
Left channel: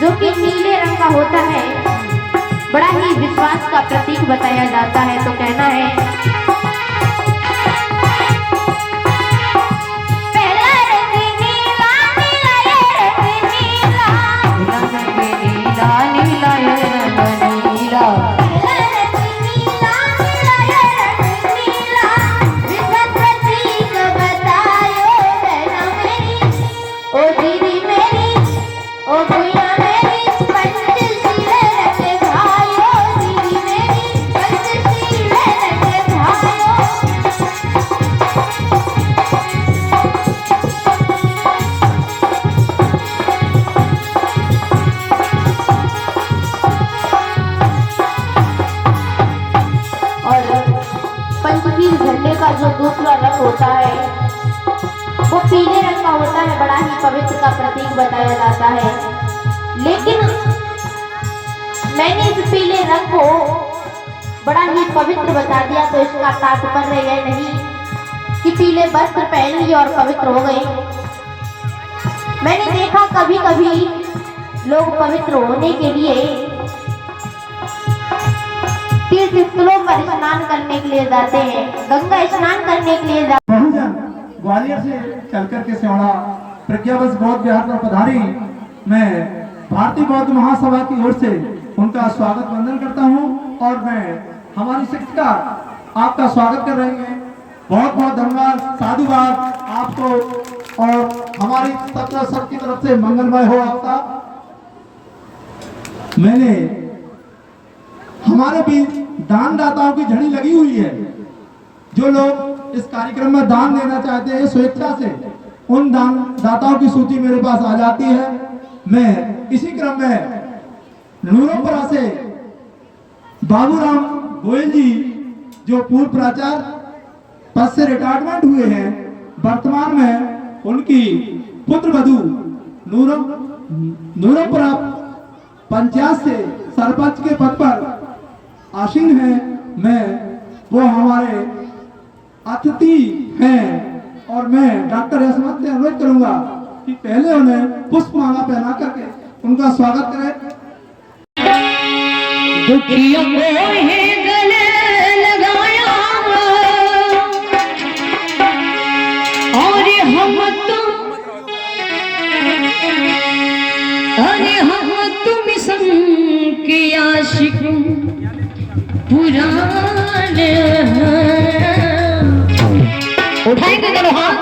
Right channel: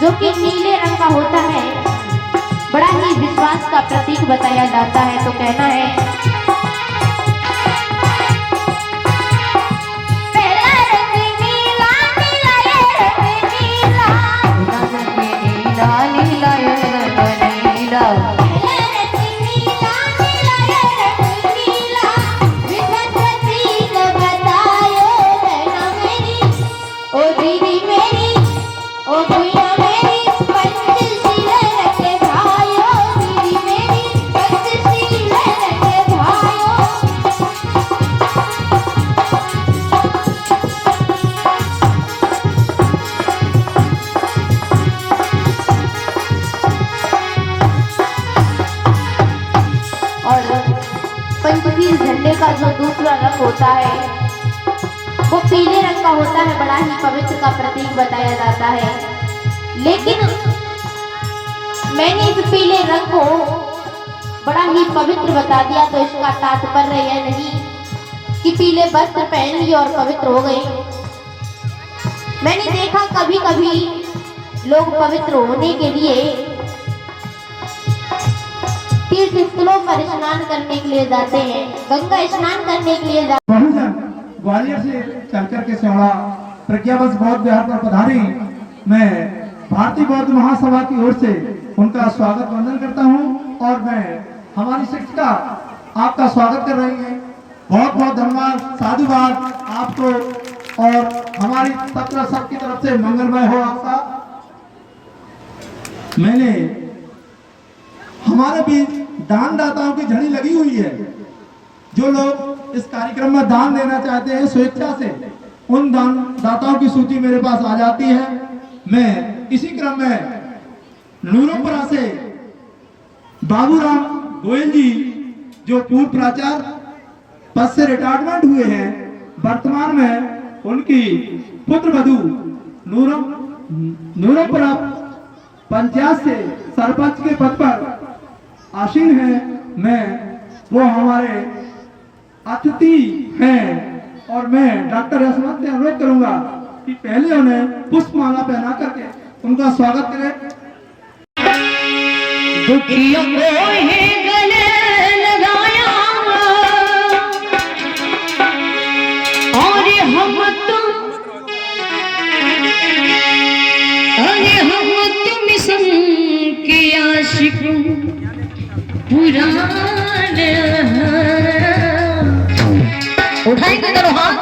जो कि नीले रंग का होता है, बड़ा ही विश्वास का प्रतीक बताया जाता है। तो कहना है पहला रंग नीला नीला ये रंग नीला, नीला नीला ये रंग नीला, पहला रंग नीला नीला ये रंग नीला, वो पीले रंग का होता है, बड़ा ही पवित्र का प्रतीक बताया जाता है। लेकिन मैंने इस पीले रंग को बड़ा ही पवित्र बता दिया, तो इसका तात्पर्य यह नहीं कि पीले वस्त्र पहन लिए और पवित्र हो गए। मैंने देखा कभी कभी लोग पवित्र होने के लिए तीर्थ स्थलों पर स्नान करने के लिए जाते हैं, गंगा स्नान करने के लिए जाते हैं। बहुजन ग्वालियर से चलकर के सिवाड़ा प्रज्ञावश बौद्ध विहार पर पधारी मैं भारतीय बौद्ध महासभा की ओर से उनका स्वागत वंदन करता हूं और मैं हमारी शिक्षिका आपका स्वागत कर रही हैं। बहुत बहुत धन्यवाद, साधुवाद आपको और हमारी तत्व सबकी तरफ से मंगलमय हो आपका। मैंने हमारे बीच दानदाताओं की झड़ी लगी हुई है। जो लोग इस कार्यक्रम में दान देना चाहते हैं स्वेच्छा से, उन दानदाताओं की सूची मेरे पास आ जाती है। मैं इसी क्रम में नूरोपुरा से बाबूराम गोयल जी, जो पूर्व प्राचार्य पद से रिटायरमेंट हुए हैं, वर्तमान में उनकी पुत्र वधू नूरोपुरा पंचायत से सरपंच के पद पर आसीन है। मैं वो हमारे अतिथि हैं और मैं डॉक्टर यशवंत से अनुरोध करूंगा कि पहले उन्हें पुष्पमाला पहना करके उनका स्वागत करें। दुखियों को है गले लगाया और हम तुम के आशिक पुराने उठाएंगे दोनों हाथ,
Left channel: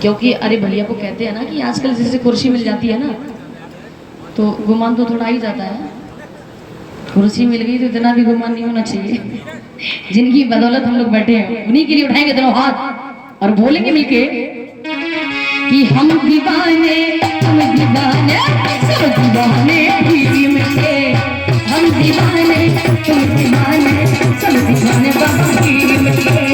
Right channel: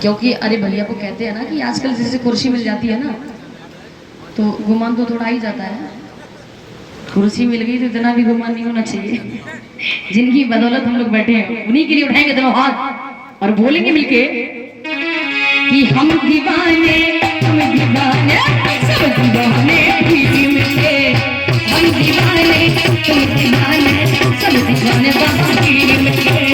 क्योंकि अरे भैया को कहते हैं ना कि आजकल जैसे कुर्सी मिल जाती है ना तो गुमान तो थोड़ा ही जाता है। कुर्सी मिल गई तो इतना भी गुमान नहीं होना चाहिए। जिनकी बदौलत हम लोग बैठे हैं उन्हीं के लिए उठाएंगे दोनों हाथ और बोलेंगे मिलके कि हम दीवाने सब दीवाने प्रीति मिलके, हम दीवाने तुम दीवाने सब दीवाने बाबा की मिलके।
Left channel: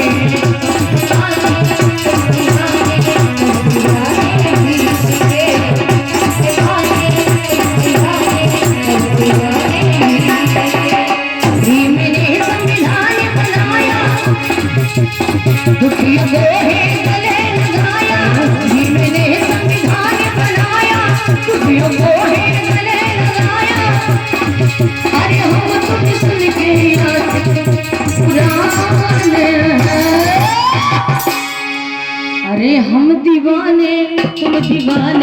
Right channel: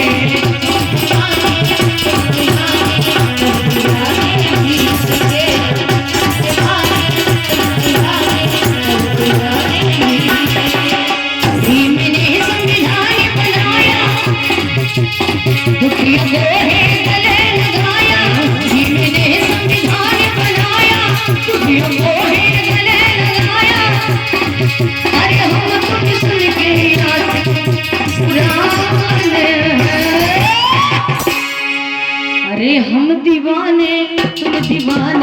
अरे हम दीवाने तुम दीवाने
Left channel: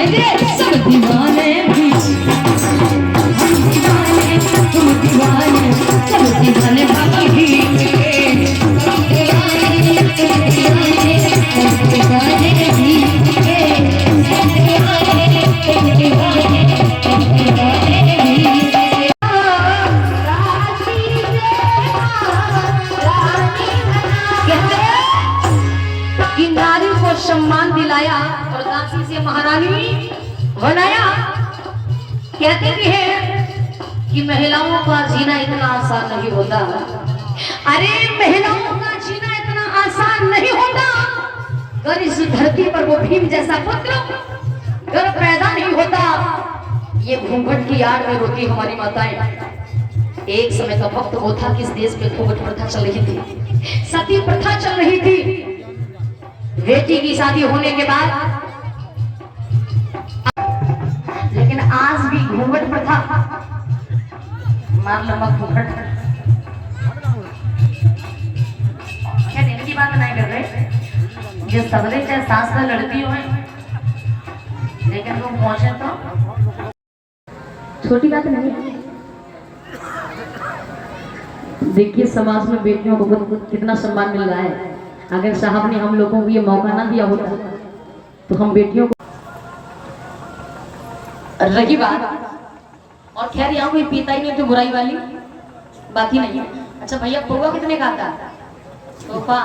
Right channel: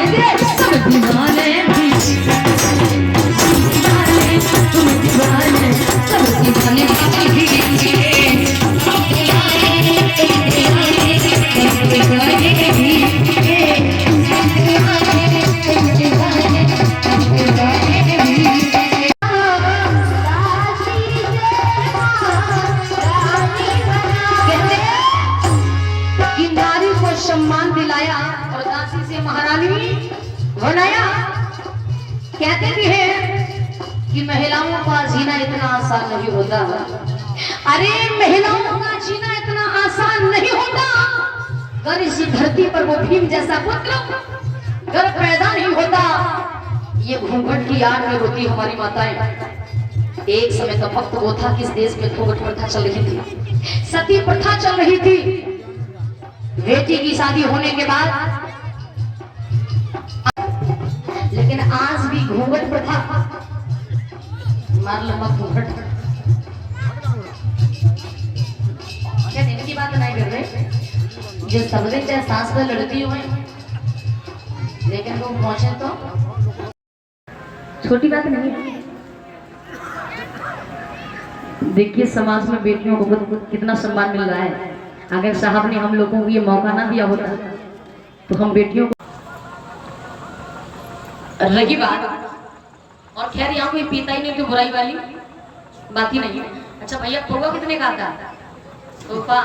सब दीवाने भी, हम दीवाने तुम दीवाने सब दीवाने बाकी सम्मान दिलाया और दासी से महारानी बनाया। कहते भी हैं कि महिलाओं का जीना इतना आसान नहीं होता। अरे महिलाओं का जीना इतना आसान नहीं होता अगर इसी धरती पर वो भीम जैसा पुत्र अगर पैदा नहीं होता। ये घूंघट की आड़ में रोती हमारी माताएं। एक समय तो वक्त वो था कि इस देश में घूंघट प्रथा चल रही थी, सती प्रथा चल रही थी। बेटी की शादी होने के बाद, लेकिन आज भी घूंघट प्रथा, मार लम्बा घूंघट। क्या दिन की बात नहीं कर रहे, जो सबले चाहे सास में लड़ती हो, लेकिन वो पहुंचे तो छोटी बात नहीं है। देखिए समाज में बेटियों को कितना सम्मान मिल रहा है। अगर साहब ने हम लोगों को ये मौका ना दिया होता तो हम बेटियों को रही बात। और खैर यहाँ कोई पीता ही नहीं तो बुराई वाली बात ही नहीं है। अच्छा भैया पौवा कितने का आता है? तोहफा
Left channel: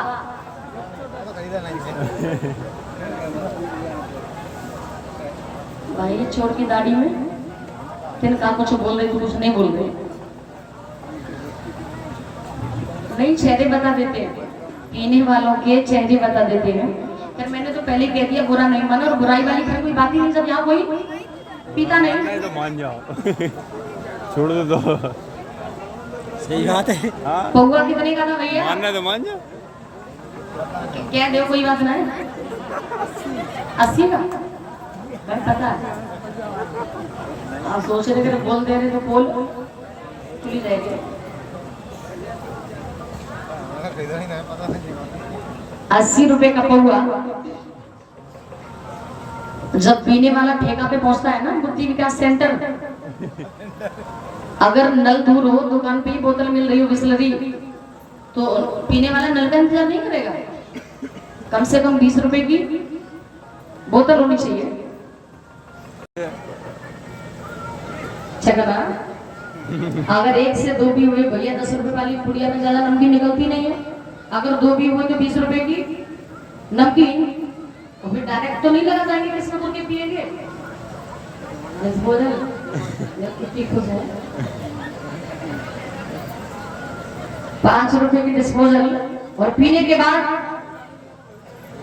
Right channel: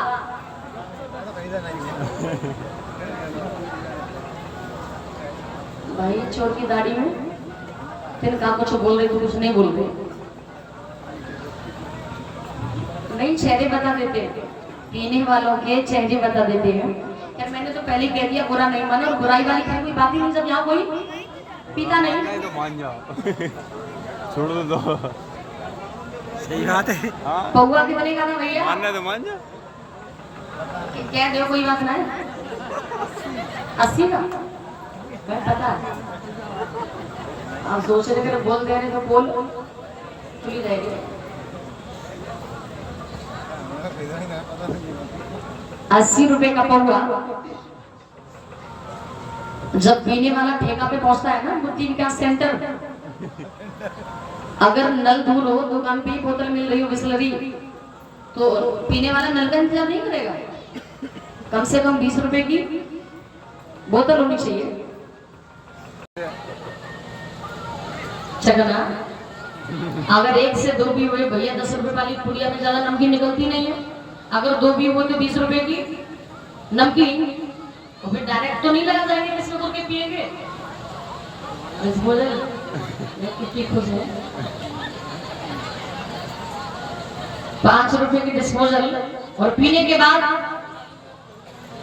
भाई चोर की दाढ़ी में तेरे का कुछ बोल रहे तो कुछ नहीं बोल रहे, नहीं चेहरे बता देते, पीने वालों के चेहरे बता देते हैं। फिर मैंने पहले कह दिया बुरा नहीं मानो, और बुराई वाली फिर कोई बात ही नहीं, जब यहाँ कोई पीता नहीं। तो मान जाओ छोड़ दो सही बात है। हाँ पौआ भी बनेगा ना भैया, मानना तो मान जाओ। क्या दो कोई बात नहीं। 80 का मैं पता है आप सोच रहे थे बोल दे रहे तो बोल खुली रहेगी। 80 रुपए का पौआ जब पीने वाला ठेका पे पहुंचता है ना, बुद्धि विकास सेंटर, अगर नल दूर हो, दुकान पे ही बोतल मिल रही हो बिस्लरी, तो पीने वाला नल का इंतजार नहीं करेगा। कम से कम 20 रुपए की बोतल होनी चाहिए। चकना अगर 1 से 2 भी हुए भैया, 10 रुपए वाली पुड़िया में ज्यादा नमकीन निकलती नहीं है। अगर 2 भी हुए तो 20 रुपए की नमकीन, तो फिर डायरेक्ट तो नहीं लगा जाएंगे, किसमें करके पिएंगे। कितनी खुश है। 5 रुपए की डिस्पोजल, और पीने के बाद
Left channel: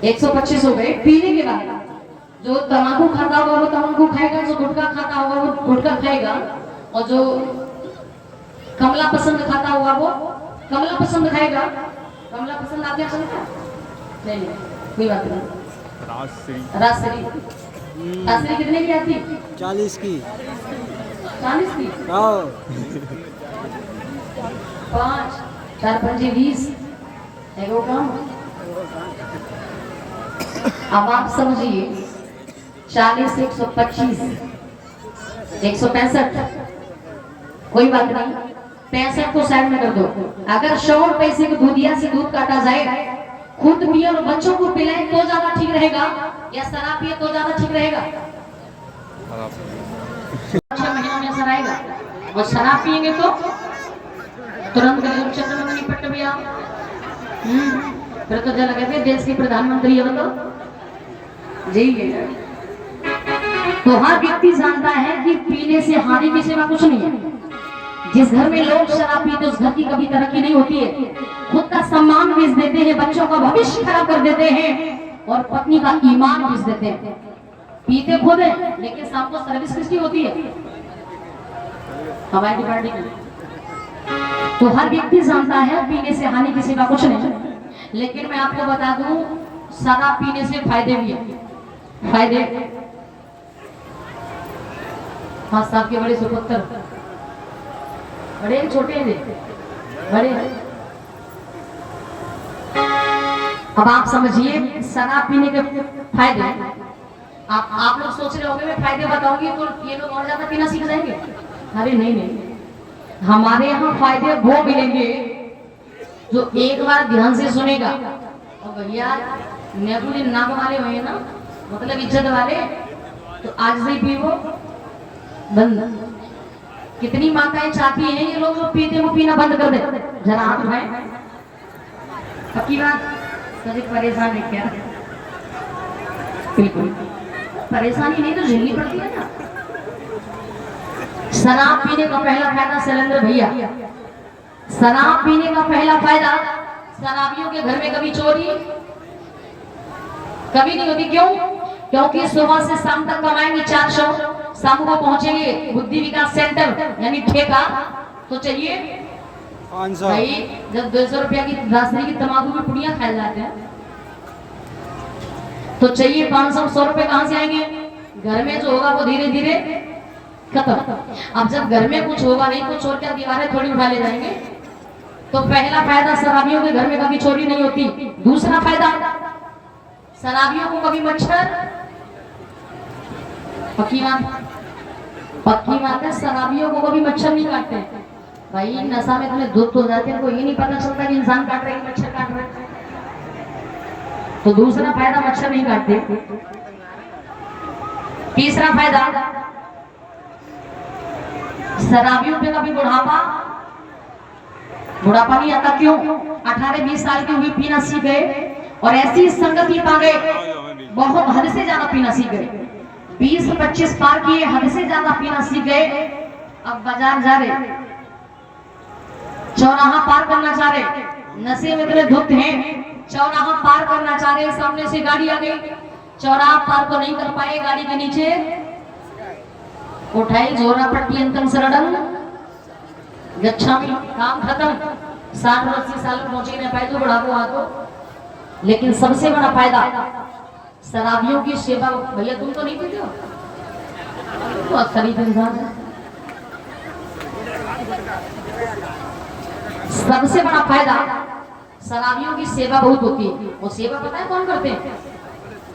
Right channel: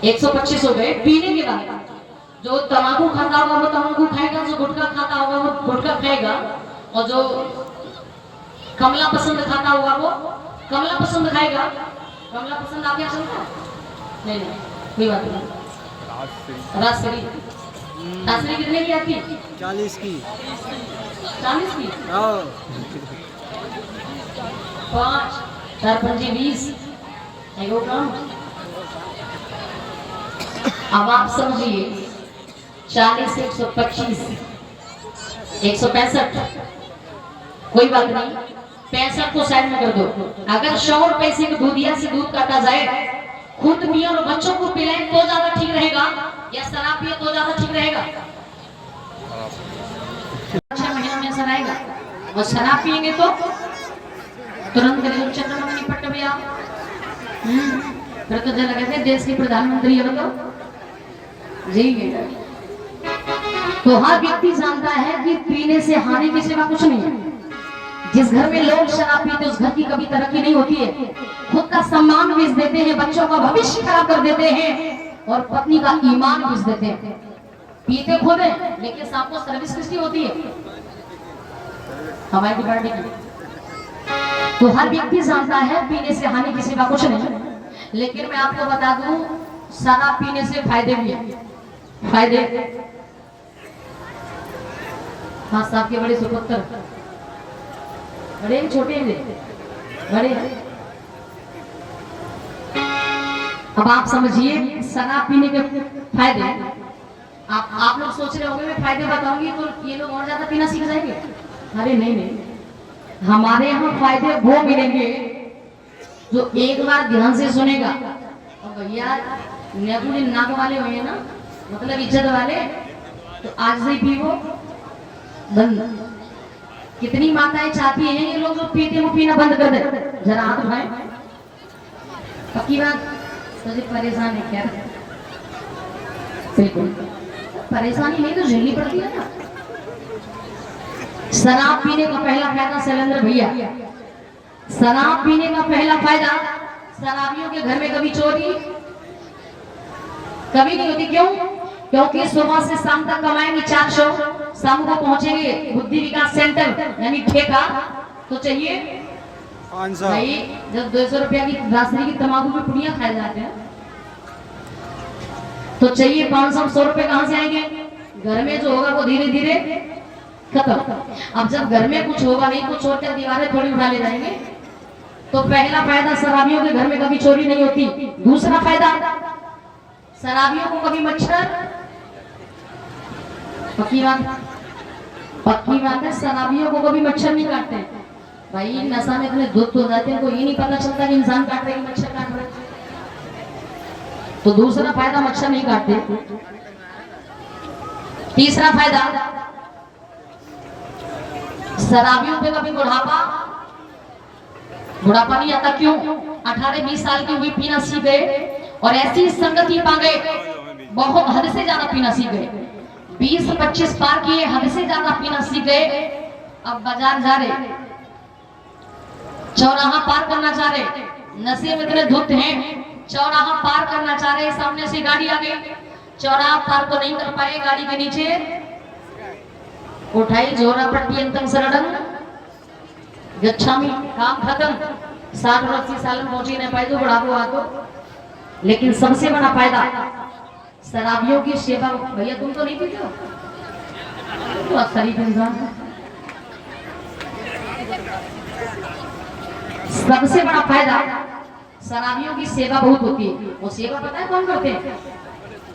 125 हो गए। पीने के बाद जो तंबाकू खाता होगा वो तंबाकू खाएगा, जो गुटखा खाता होगा वो गुटखा खाएगा, और जो कमला पसंद खाता होगा वो कमला पसंद खाएगा। कमला पसंद आपके चलता है? नहीं कोई बात नहीं। राजश्री राजश्री कितने की आती? 40 की 40 की। 5 4 5 20 एगो काम। अब आप समझिए 40 125 165, कोई बात नहीं, 65 को साइड में कर दो। अगर 100 रुपए से दूधिया से दूध काटा जाए, खुद पिए और बच्चों को पिलाए तो ज्यादा ठीक रहेगा, या शराब पिए तो ज्यादा ठीक रहेगा? 6 महीनों में असर आएगा, और शराब पिएंगे तो तुरंत चक्र में निपट भी आप। फिर तो जल कहते हैं देश के प्रधानमंत्री है, बताओ जी। तो हर व्यक्ति जानता है कि पीने से हानि के सिवा कुछ नहीं है। जिस घर में लोग शराब पीते उस घर की कभी तरक्की नहीं होती है। खुद का सम्मान बेच देते हैं, बच्चों का भविष्य खराब कर देते हैं, और पत्नी का ईमान बेच देते हैं। पीते खुद है लेकिन सबको सर्विस किसकी होती है? हमारी पार्टी की। तो हर व्यक्ति जानता है पीने से हानि किसी का कुछ नहीं। लेकिन मैं आपको बता दूं, शराब पीने से फायदे भी है। फायदे, हाँ साहब के बड़े सुपुत्र, बड़े छोटे बड़े। अब आप समझिए शराब पीने के फायदे। आप लोग सोच रहे होंगे मैं फायदे बताऊंगी तो ये लोग और ज्यादा पीना सीख जाएंगे। अरे नहीं, हमारे यहाँ फायदे वो मिलेंगे जो एक बार ध्यान से सुनेगा। और भैया नेकुली नाक वाले हुए ना, मतलब इज्जत वाले, तो आज से पीवो बंद। कितनी माताएं चाहती हैं ये लोग जो पीते वो पीना बंद कर दे? जरा हाथ उठाएं। पक्की बात, सभी परेशान है क्या? बिल्कुल परेशानी नहीं तो झेलनी पड़ती है ना। शराब पीने का पहला फायदा शैलेंद्र भैया, शराब पीने का पहला फायदा, शराबियों के घर में कभी चोरी कभी नहीं होती। क्यों? क्योंकि सुबह से शाम तक कमाएंगे 400, शाम को पहुंचेंगे बुद्धि विकास सेंटर यानी ठेका, तो चाहिए 500। जब 200 रुपया की राशि की तंबाकू की पुड़ियां खाए जाते हैं तो चाहिए 500 रुपए कहां से आएंगे? घर में जो होगा वो धीरे धीरे खत्म। अब जब घर में कुछ होगा नहीं तो चोर क्या दीवारें थोड़ी उठा ले जाएंगे। तो पहला फायदा शराबियों के घर में कभी चोरी नहीं होती। दूसरा फायदा, शराबियों को कभी मच्छर, पक्की बात है, शराबियों को कभी मच्छर नहीं काटते। भाई नशा में इतने धुत हो जाते हैं, को ये नहीं पता चलता कि इंसान काट रहे हैं मच्छर काट रहे हैं। तो दूसरा फायदा मच्छर नहीं काटते। तीसरा फायदा, शराबियों पे कभी बुढ़ापा नहीं आता। क्यों? 18-20 साल के हुए पीना सीख गए और ऐसी संगति पा गए, बहुत हद से ज्यादा पीना सीख गए। 20-25 पार किए, हद से ज्यादा पीना सीख गए। अब बाजार जा रहे, चौराहा पार करना चाह रहे, नशे में इतने धुत हैं, चौराहा पार करना चाह रहे, सामने से गाड़ी आ गई, चौराहा पार तो नहीं कर पाए गाड़ी के नीचे, उठाई जोरा प्रत्यंतम शरणं गच्छामि, काम खत्म। 60-80 साल में पहुंची नहीं पाए तो बुढ़ापो आतो। लेकिन सबसे बड़ा फायदा शराबियों की सेवा। भैया तुम तो नहीं पीते हो, तो शरीफ इंसान है। सबसे बड़ा फायदा शराबियों की सेवा बहुत होती है। वो सेवा पता है कौन करते हैं?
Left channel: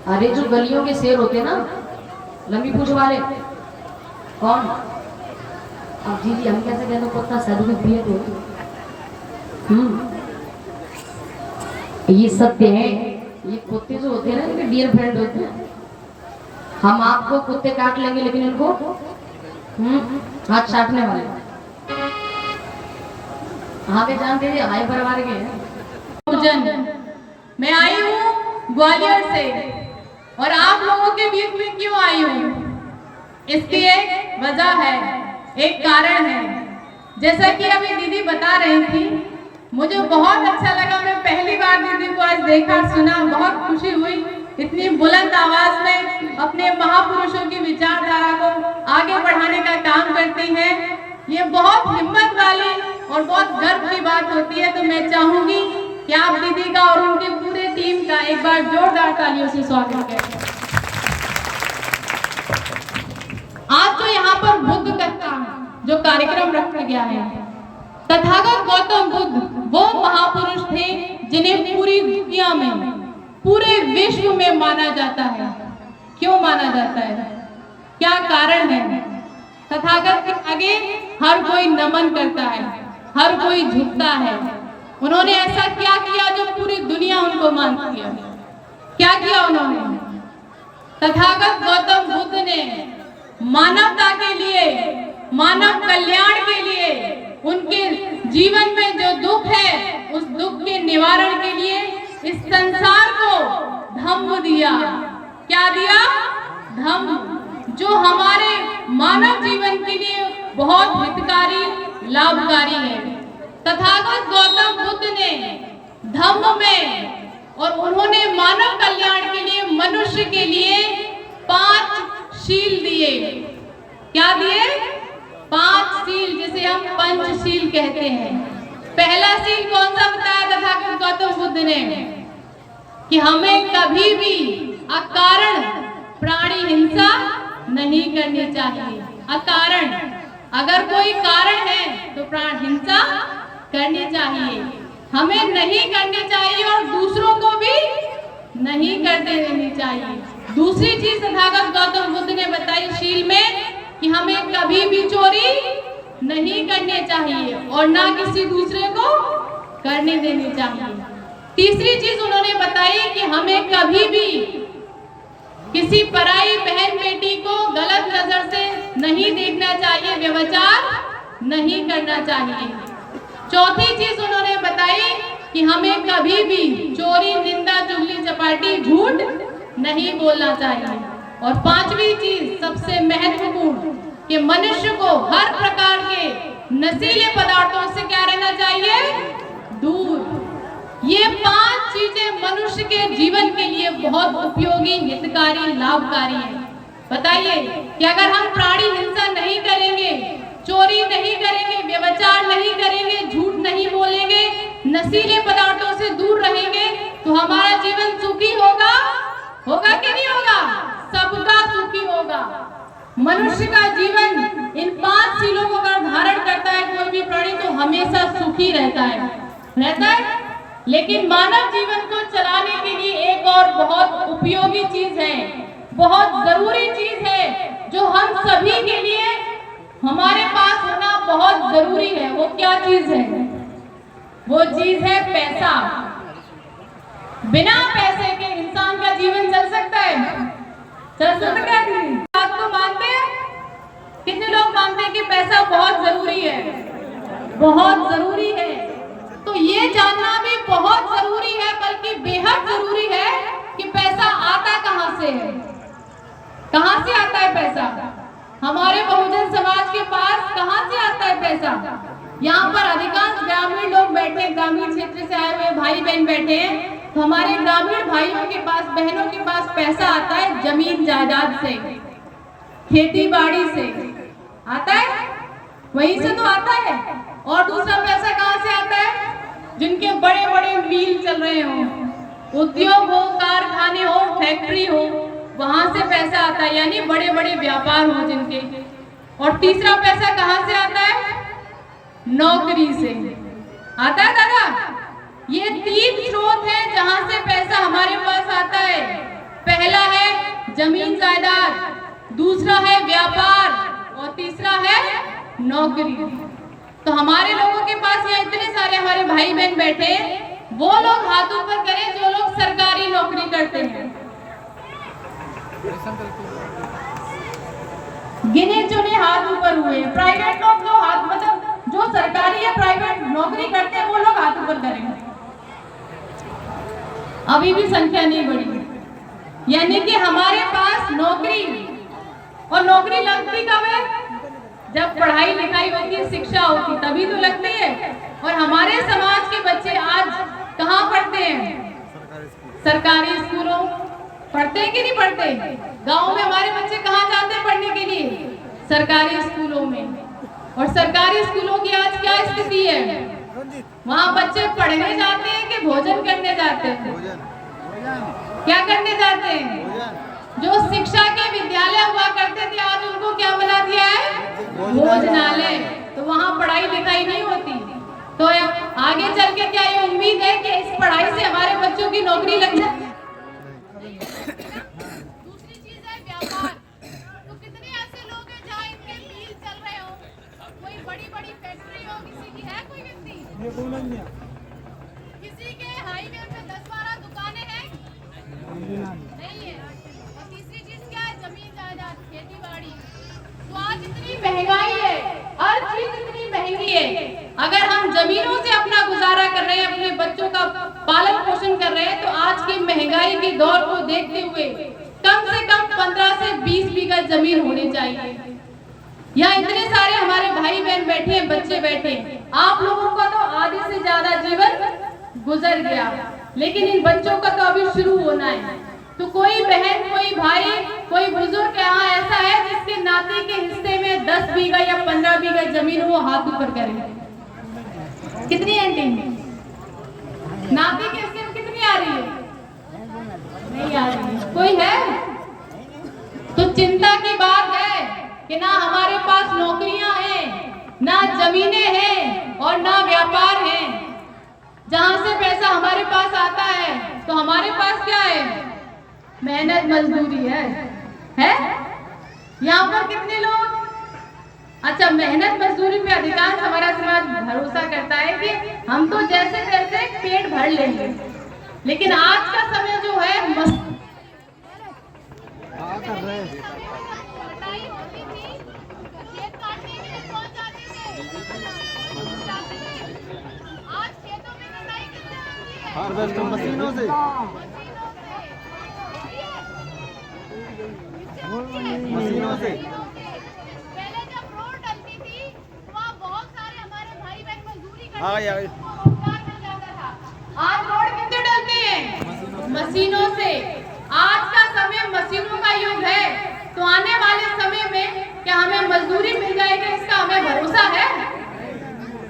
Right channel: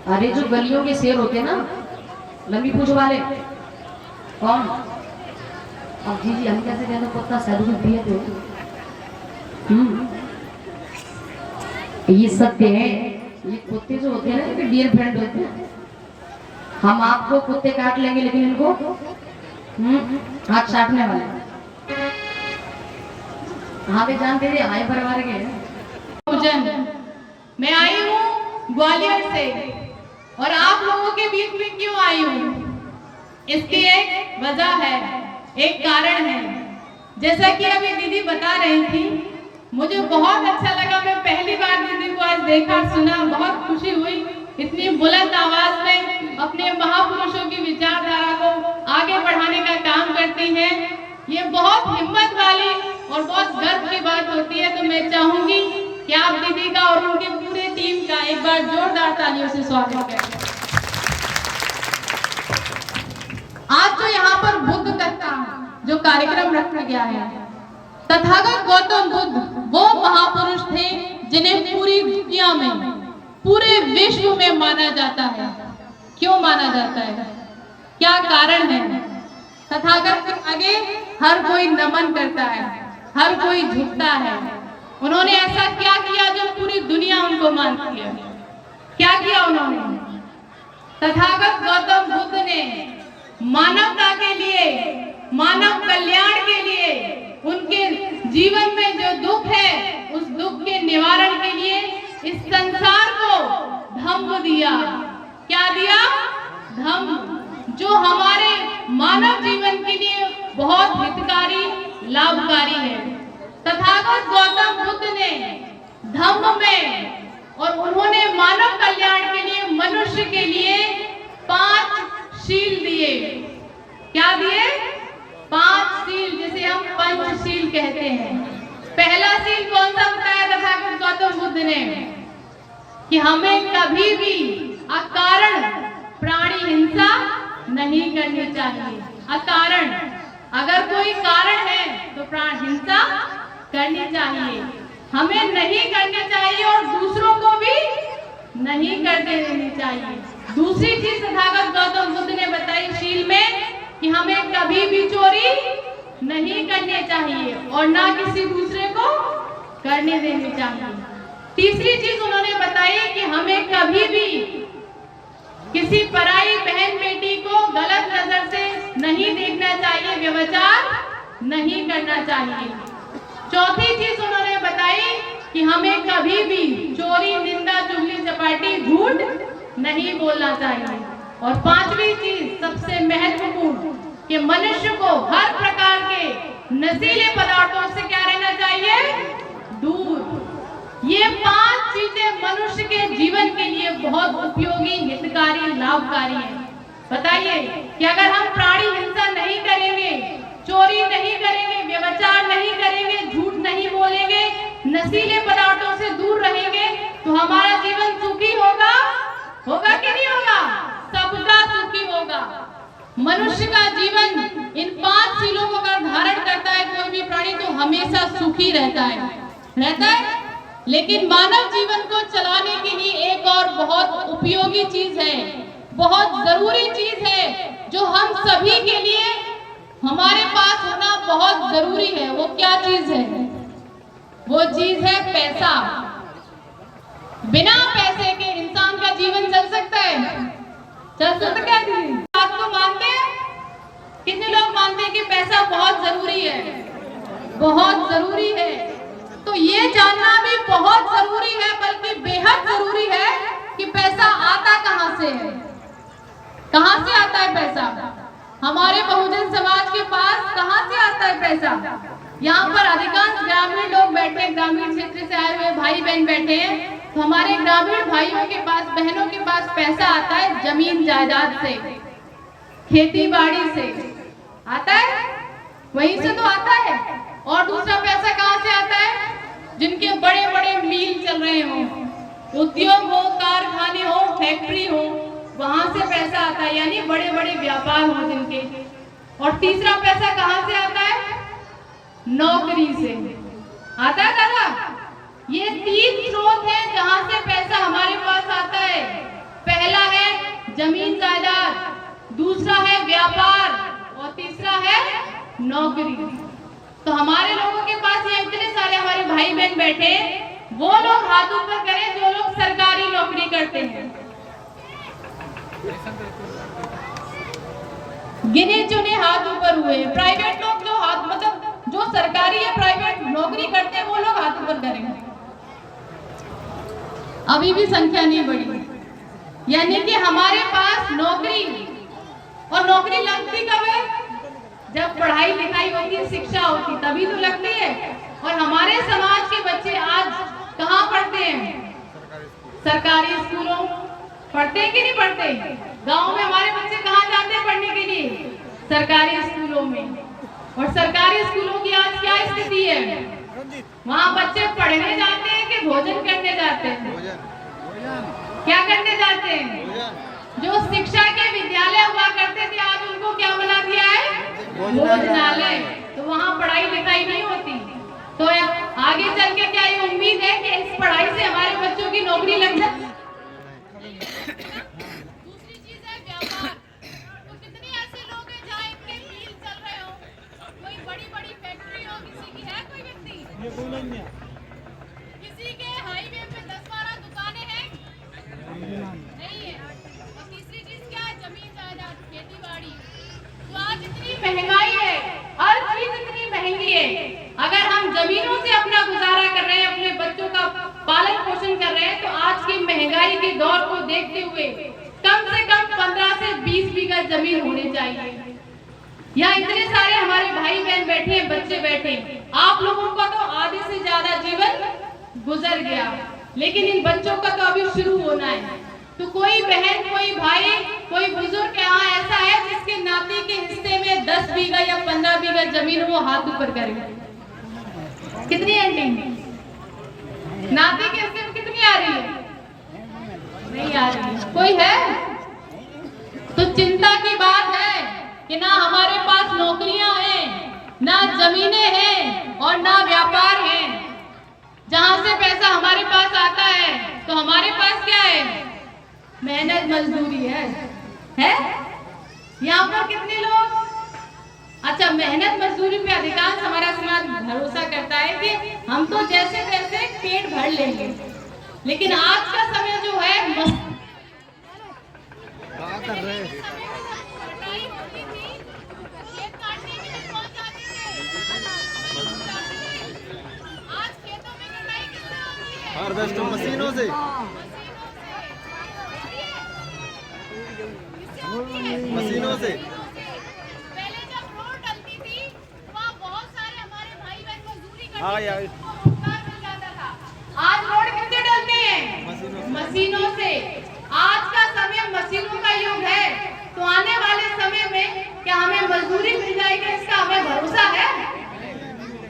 अरे जो गलियों के शेर होते हैं ना, लंबी पूंछ वाले, कौन? अब जी हम कैसे कहते हैं, पता साधु पिए तो ये सत्य है। ये कुत्ते जो होते हैं ना, इनके डियर फ्रेंड होते हैं। हम आपको कुत्ते काट लेंगे लेकिन इनको हाथ चाटने वाले। हाँ पे जानते थे हाई परिवार के मैं आई हूँ ग्वालियर से, और आप लोगों के बीच में क्यों आई हूँ, इसकी एक वजह है, एक कारण है। जैसा कि अभी दीदी बता रही थी, मुझे बहुत अच्छा लगा। मैं पहली बार दीदी को आज देखा, सुना, बहुत खुशी हुई। इतनी बुलंद आवाज में अपने महापुरुषों की विचारधारा को आगे बढ़ाने का काम करती हैं। ये बहुत हिम्मत वाली और बहुत गर्व की बात होती है। तो मैं चाहूंगी कि आप दीदी का और उनके पूरे टीम का एक बार जोरदार तालियों से स्वागत करें। आज जो यहाँ पर बुद्ध कथा जो कार्यक्रम रखा गया है, तथागत गौतम बुद्ध वो महापुरुष थे जिन्हें पूरी दुनिया में, पूरे विश्व में माना जाता है। क्यों माना जाता है, क्या कारण है? तथागत के आगे हर कोई नमन करता है, हर कोई झुकता है। उन्होंने ऐसा क्या किया जो पूरी दुनिया उनको मानती है? क्या किया उन्होंने? तथागत गौतम बुद्ध ने मानवता के लिए, मानव कल्याण के लिए, उनके जीवन में जो दुख है उस दुख के निवारण के लिए इस संसार को धम्म दिया। क्या दिया? धम्म, जो हमारे मानव जीवन के लिए बहुत हितकारी, लाभकारी है। तथागत गौतम बुद्ध ने धम्म में, और उन्होंने मानव कल्याण के लिए, मनुष्य के लिए 5 शील दिए। क्या दिए? 5 शील, जिसे हम पंचशील कहते हैं। पहला शील कौन सा बताया तथागत गौतम बुद्ध ने? कि हमें कभी भी अकारण प्राणी हिंसा नहीं करनी चाहिए। अकारण, अगर कोई कारण है तो प्राण हिंसा करनी चाहिए, हमें नहीं करनी चाहिए, और दूसरों को भी नहीं करने देनी चाहिए। दूसरी चीज तथागत गौतम बुद्ध ने बताई शील में कि हमें कभी भी चोरी नहीं करनी चाहिए और ना किसी दूसरे को करने देनी चाहिए। तीसरी चीज उन्होंने बताई कि हमें कभी भी किसी पराई बहन बेटी को गलत नजर से नहीं देखना चाहिए, व्यभिचार नहीं करना चाहिए। चौथी चीज उन्होंने बताई कि हमें कभी भी चोरी, निंदा, चुगली, चपाटी, झूठ नहीं बोलना चाहिए। और पांचवी चीज सबसे महत्वपूर्ण कि मनुष्य को हर प्रकार के नशीले पदार्थों से क्या रहना चाहिए? दूर। ये 5 चीजें मनुष्य के जीवन के लिए बहुत उपयोगी, हितकारी, लाभकारी है। बताइए कि अगर हम प्राणी हिंसा नहीं करेंगे, चोरी नहीं करेंगे, व्यभिचार नहीं करेंगे, झूठ नहीं बोलेंगे, नशीले पदार्थों से दूर रहेंगे, तो हमारा जीवन सुखी होगा? होगा कि नहीं होगा? सबका सुखी होगा। मनुष्य का जीवन इन 5 शीलों को अगर धारण करता है कोई भी प्राणी, तो हमेशा सुखी रहता है। लेकिन मानव जीवन को चलाने के लिए एक और बहुत उपयोगी चीज है, बहुत जरूरी चीज है, जो हम सभी के लिए हमारे पास होना बहुत जरूरी है। वो क्या चीज है? वो चीज है पैसा। बिना पैसे के इंसान का जीवन चल सकता है? चल सकता है? बात को मानते हैं? कितने लोग मानते हैं कि पैसा बहुत जरूरी है? बहुत जरूरी है। तो ये जानना भी बहुत जरूरी है, बल्कि बेहद जरूरी है कि पैसा आता कहां से है। कहां से आता है पैसा? हमारे बहुजन समाज के पास कहां से आता है पैसा? यहाँ पर अधिकांश ग्रामीण लोग बैठे, ग्रामीण क्षेत्र से आए हुए भाई बहन बैठे हैं। तो हमारे ग्रामीण भाइयों के पास, बहनों के पास पैसा आता है जमीन जायदाद से, खेती बाड़ी से आता है, वहीं से तो आता है। और दूसरा पैसा कहाँ से आता है? जिनके बड़े बड़े मिल चल रहे हो, उद्योग हो, कारखाने हो, फैक्ट्री हो, वहां से पैसा आता है, यानी बड़े बड़े व्यापार हो जिनके। और तीसरा पैसा कहाँ से आता है? नौकरी से आता है दादा। ये 3 स्रोत है जहां से पैसा हमारे पास आता है। पहला है जमीन जायदाद, दूसरा है व्यापार और तीसरा है नौकरी। तो हमारे लोगों के पास ये इतने सारे हमारे भाई बहन बैठे, वो लोग हाथ ऊपर करें जो लोग सरकारी नौकरी करते हैं। गिने चुने हाथ ऊपर हुए। प्राइवेट लोग जो हाथ, मतलब जो सरकारी या प्राइवेट नौकरी करते हैं वो लोग हाथ ऊपर करेंगे। अभी भी संख्या नहीं बढ़ी, यानी कि हमारे पास नौकरी, और नौकरी लगती कब है? जब पढ़ाई लिखाई होती है, शिक्षा होती, तभी तो लगती है। और हमारे समाज के बच्चे आज कहाँ पढ़ते हैं? सरकारी स्कूलों पढ़ते हैं कि नहीं पढ़ते? गांव में हमारे बच्चे कहाँ जाते हैं पढ़ने के लिए? सरकारी स्कूलों में। और सरकारी स्कूलों की आज क्या स्थिति है? वहाँ बच्चे पढ़ने जाते हैं कि भोजन करने जाते हैं? क्या करने जाते हैं? जो शिक्षा के विद्यालय हुआ करते थे, आज उनको क्या बना दिया है? भोजनालय। तो वहाँ पढ़ाई लिखाई नहीं होती। तो आगे चल के क्या ये उम्मीद है कि इस पढ़ाई से हमारे बच्चों की नौकरी लग जाए? दूसरी चीज है व्यापार। तो कितने ऐसे लोग हैं जहाँ इनके मिल चल रहे हो, कोई बड़ी बड़ी फैक्ट्री हो, किसी की है कोई व्यक्ति? किसी के हाईवे पे 10-12 दुकानें हैं? नहीं है। और तीसरी चीज क्या है? जमीन जायदाद, खेती बाड़ी। तो आज इतनी महंगाई है, हर चीज इतनी महंगी है। अगर हम जमीनों से अपना गुजारा कर रहे हैं, अपने बच्चों का पालन पोषण कर रहे हैं, तो आज की महंगाई के दौर को देखते हुए कम से कम 15 से 20 बीघा जमीन होनी चाहिए। यहाँ इतने सारे हमारे भाई बहन बैठे हैं, बच्चे बैठे हैं। आप लोगों का तो आधे से ज्यादा जीवन गुजर गया, लेकिन इन बच्चों का तो अभी शुरू होना है। तो कोई बहन, कोई भाई, कोई बुजुर्ग यहाँ ऐसा है जिसके नाती के हिस्से में 10 बीघा या 15 बीघा जमीन, वो हाथ ऊपर करे। कितनी आंटी? नाती के हिस्से में कितनी आ रही है? नहीं आ रही है। कोई है? तो चिंता की बात है कि ना हमारे पास नौकरियां हैं, ना जमीनें हैं और ना व्यापार है। जहां से पैसा हमारे पास आता है, तो हमारे पास क्या है? मेहनत मजदूरी है। यहाँ पर कितने लोग, अच्छा, मेहनत मजदूरी पे अधिकांश हमारा समाज भरोसा करता है कि हम तो जैसे तैसे पेट भर लेंगे। लेकिन आज का समय जो है आज खेतों में कटाई किससे होती है? हार्वेस्टर मशीनों से। मशीनों से। पहले जब रोड डलती थी, वहाँ बहुत सारे हमारे भाई बहन मजदूरी करते हाँ थे, यार। उनको रोजगार मिल जाता था। आज रोड किससे डलते हैं? मशीनों से। आज का समय मशीनों का युग है, तो आने वाले समय में क्या हमें मजदूरी मिल जाएगी, इसका हमें भरोसा है?